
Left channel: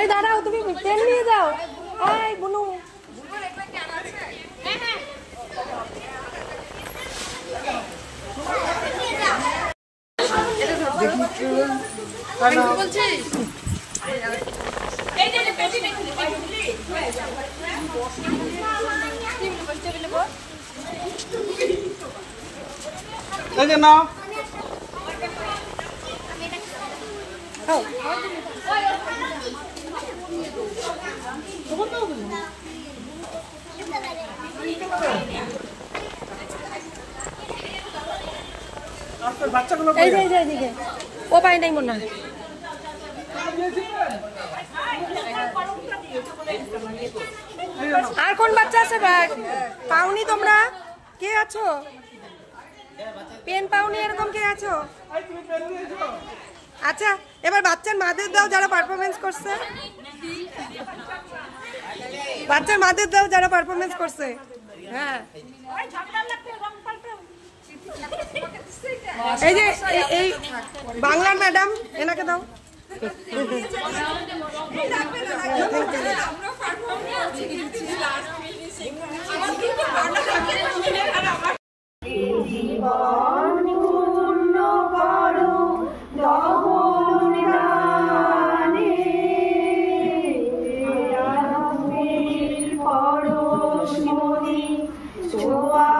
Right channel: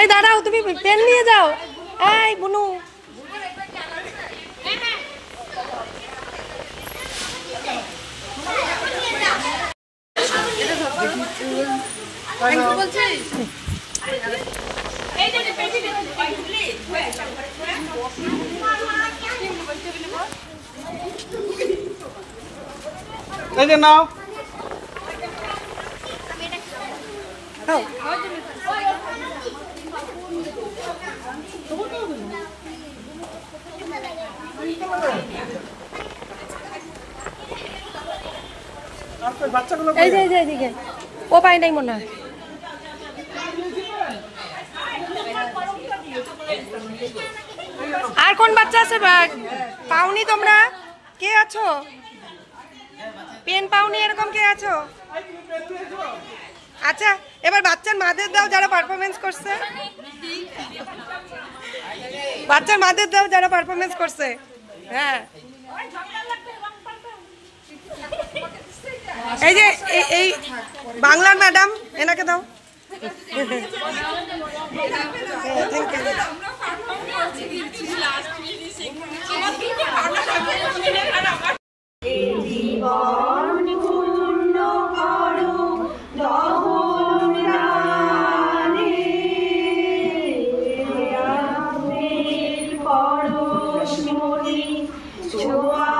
এই দাঁড়াও, তুমি পেন নিয়ে যাও। এই বুনু এই যে নাও। বাচ্চাগুলো ও পায় নাই মনে হয়। আর কোন বাচ্চা আছে পাওনি তোমরা? কে আছো পেন পাওনি এরকম কে আছো? আচ্ছা এবার বাচ্চার মাদের দাও যারা পারফরমেন্স করছে, বাচ্চার মাদের দাও যারা পারফরমেন্স করছে। হ্যাঁ এই যে এই বাংলার ম্যাডাম এনাকে দাও। জীবন পূর্ণ করো দহন দানে, পরশ মনি ছোঁয়া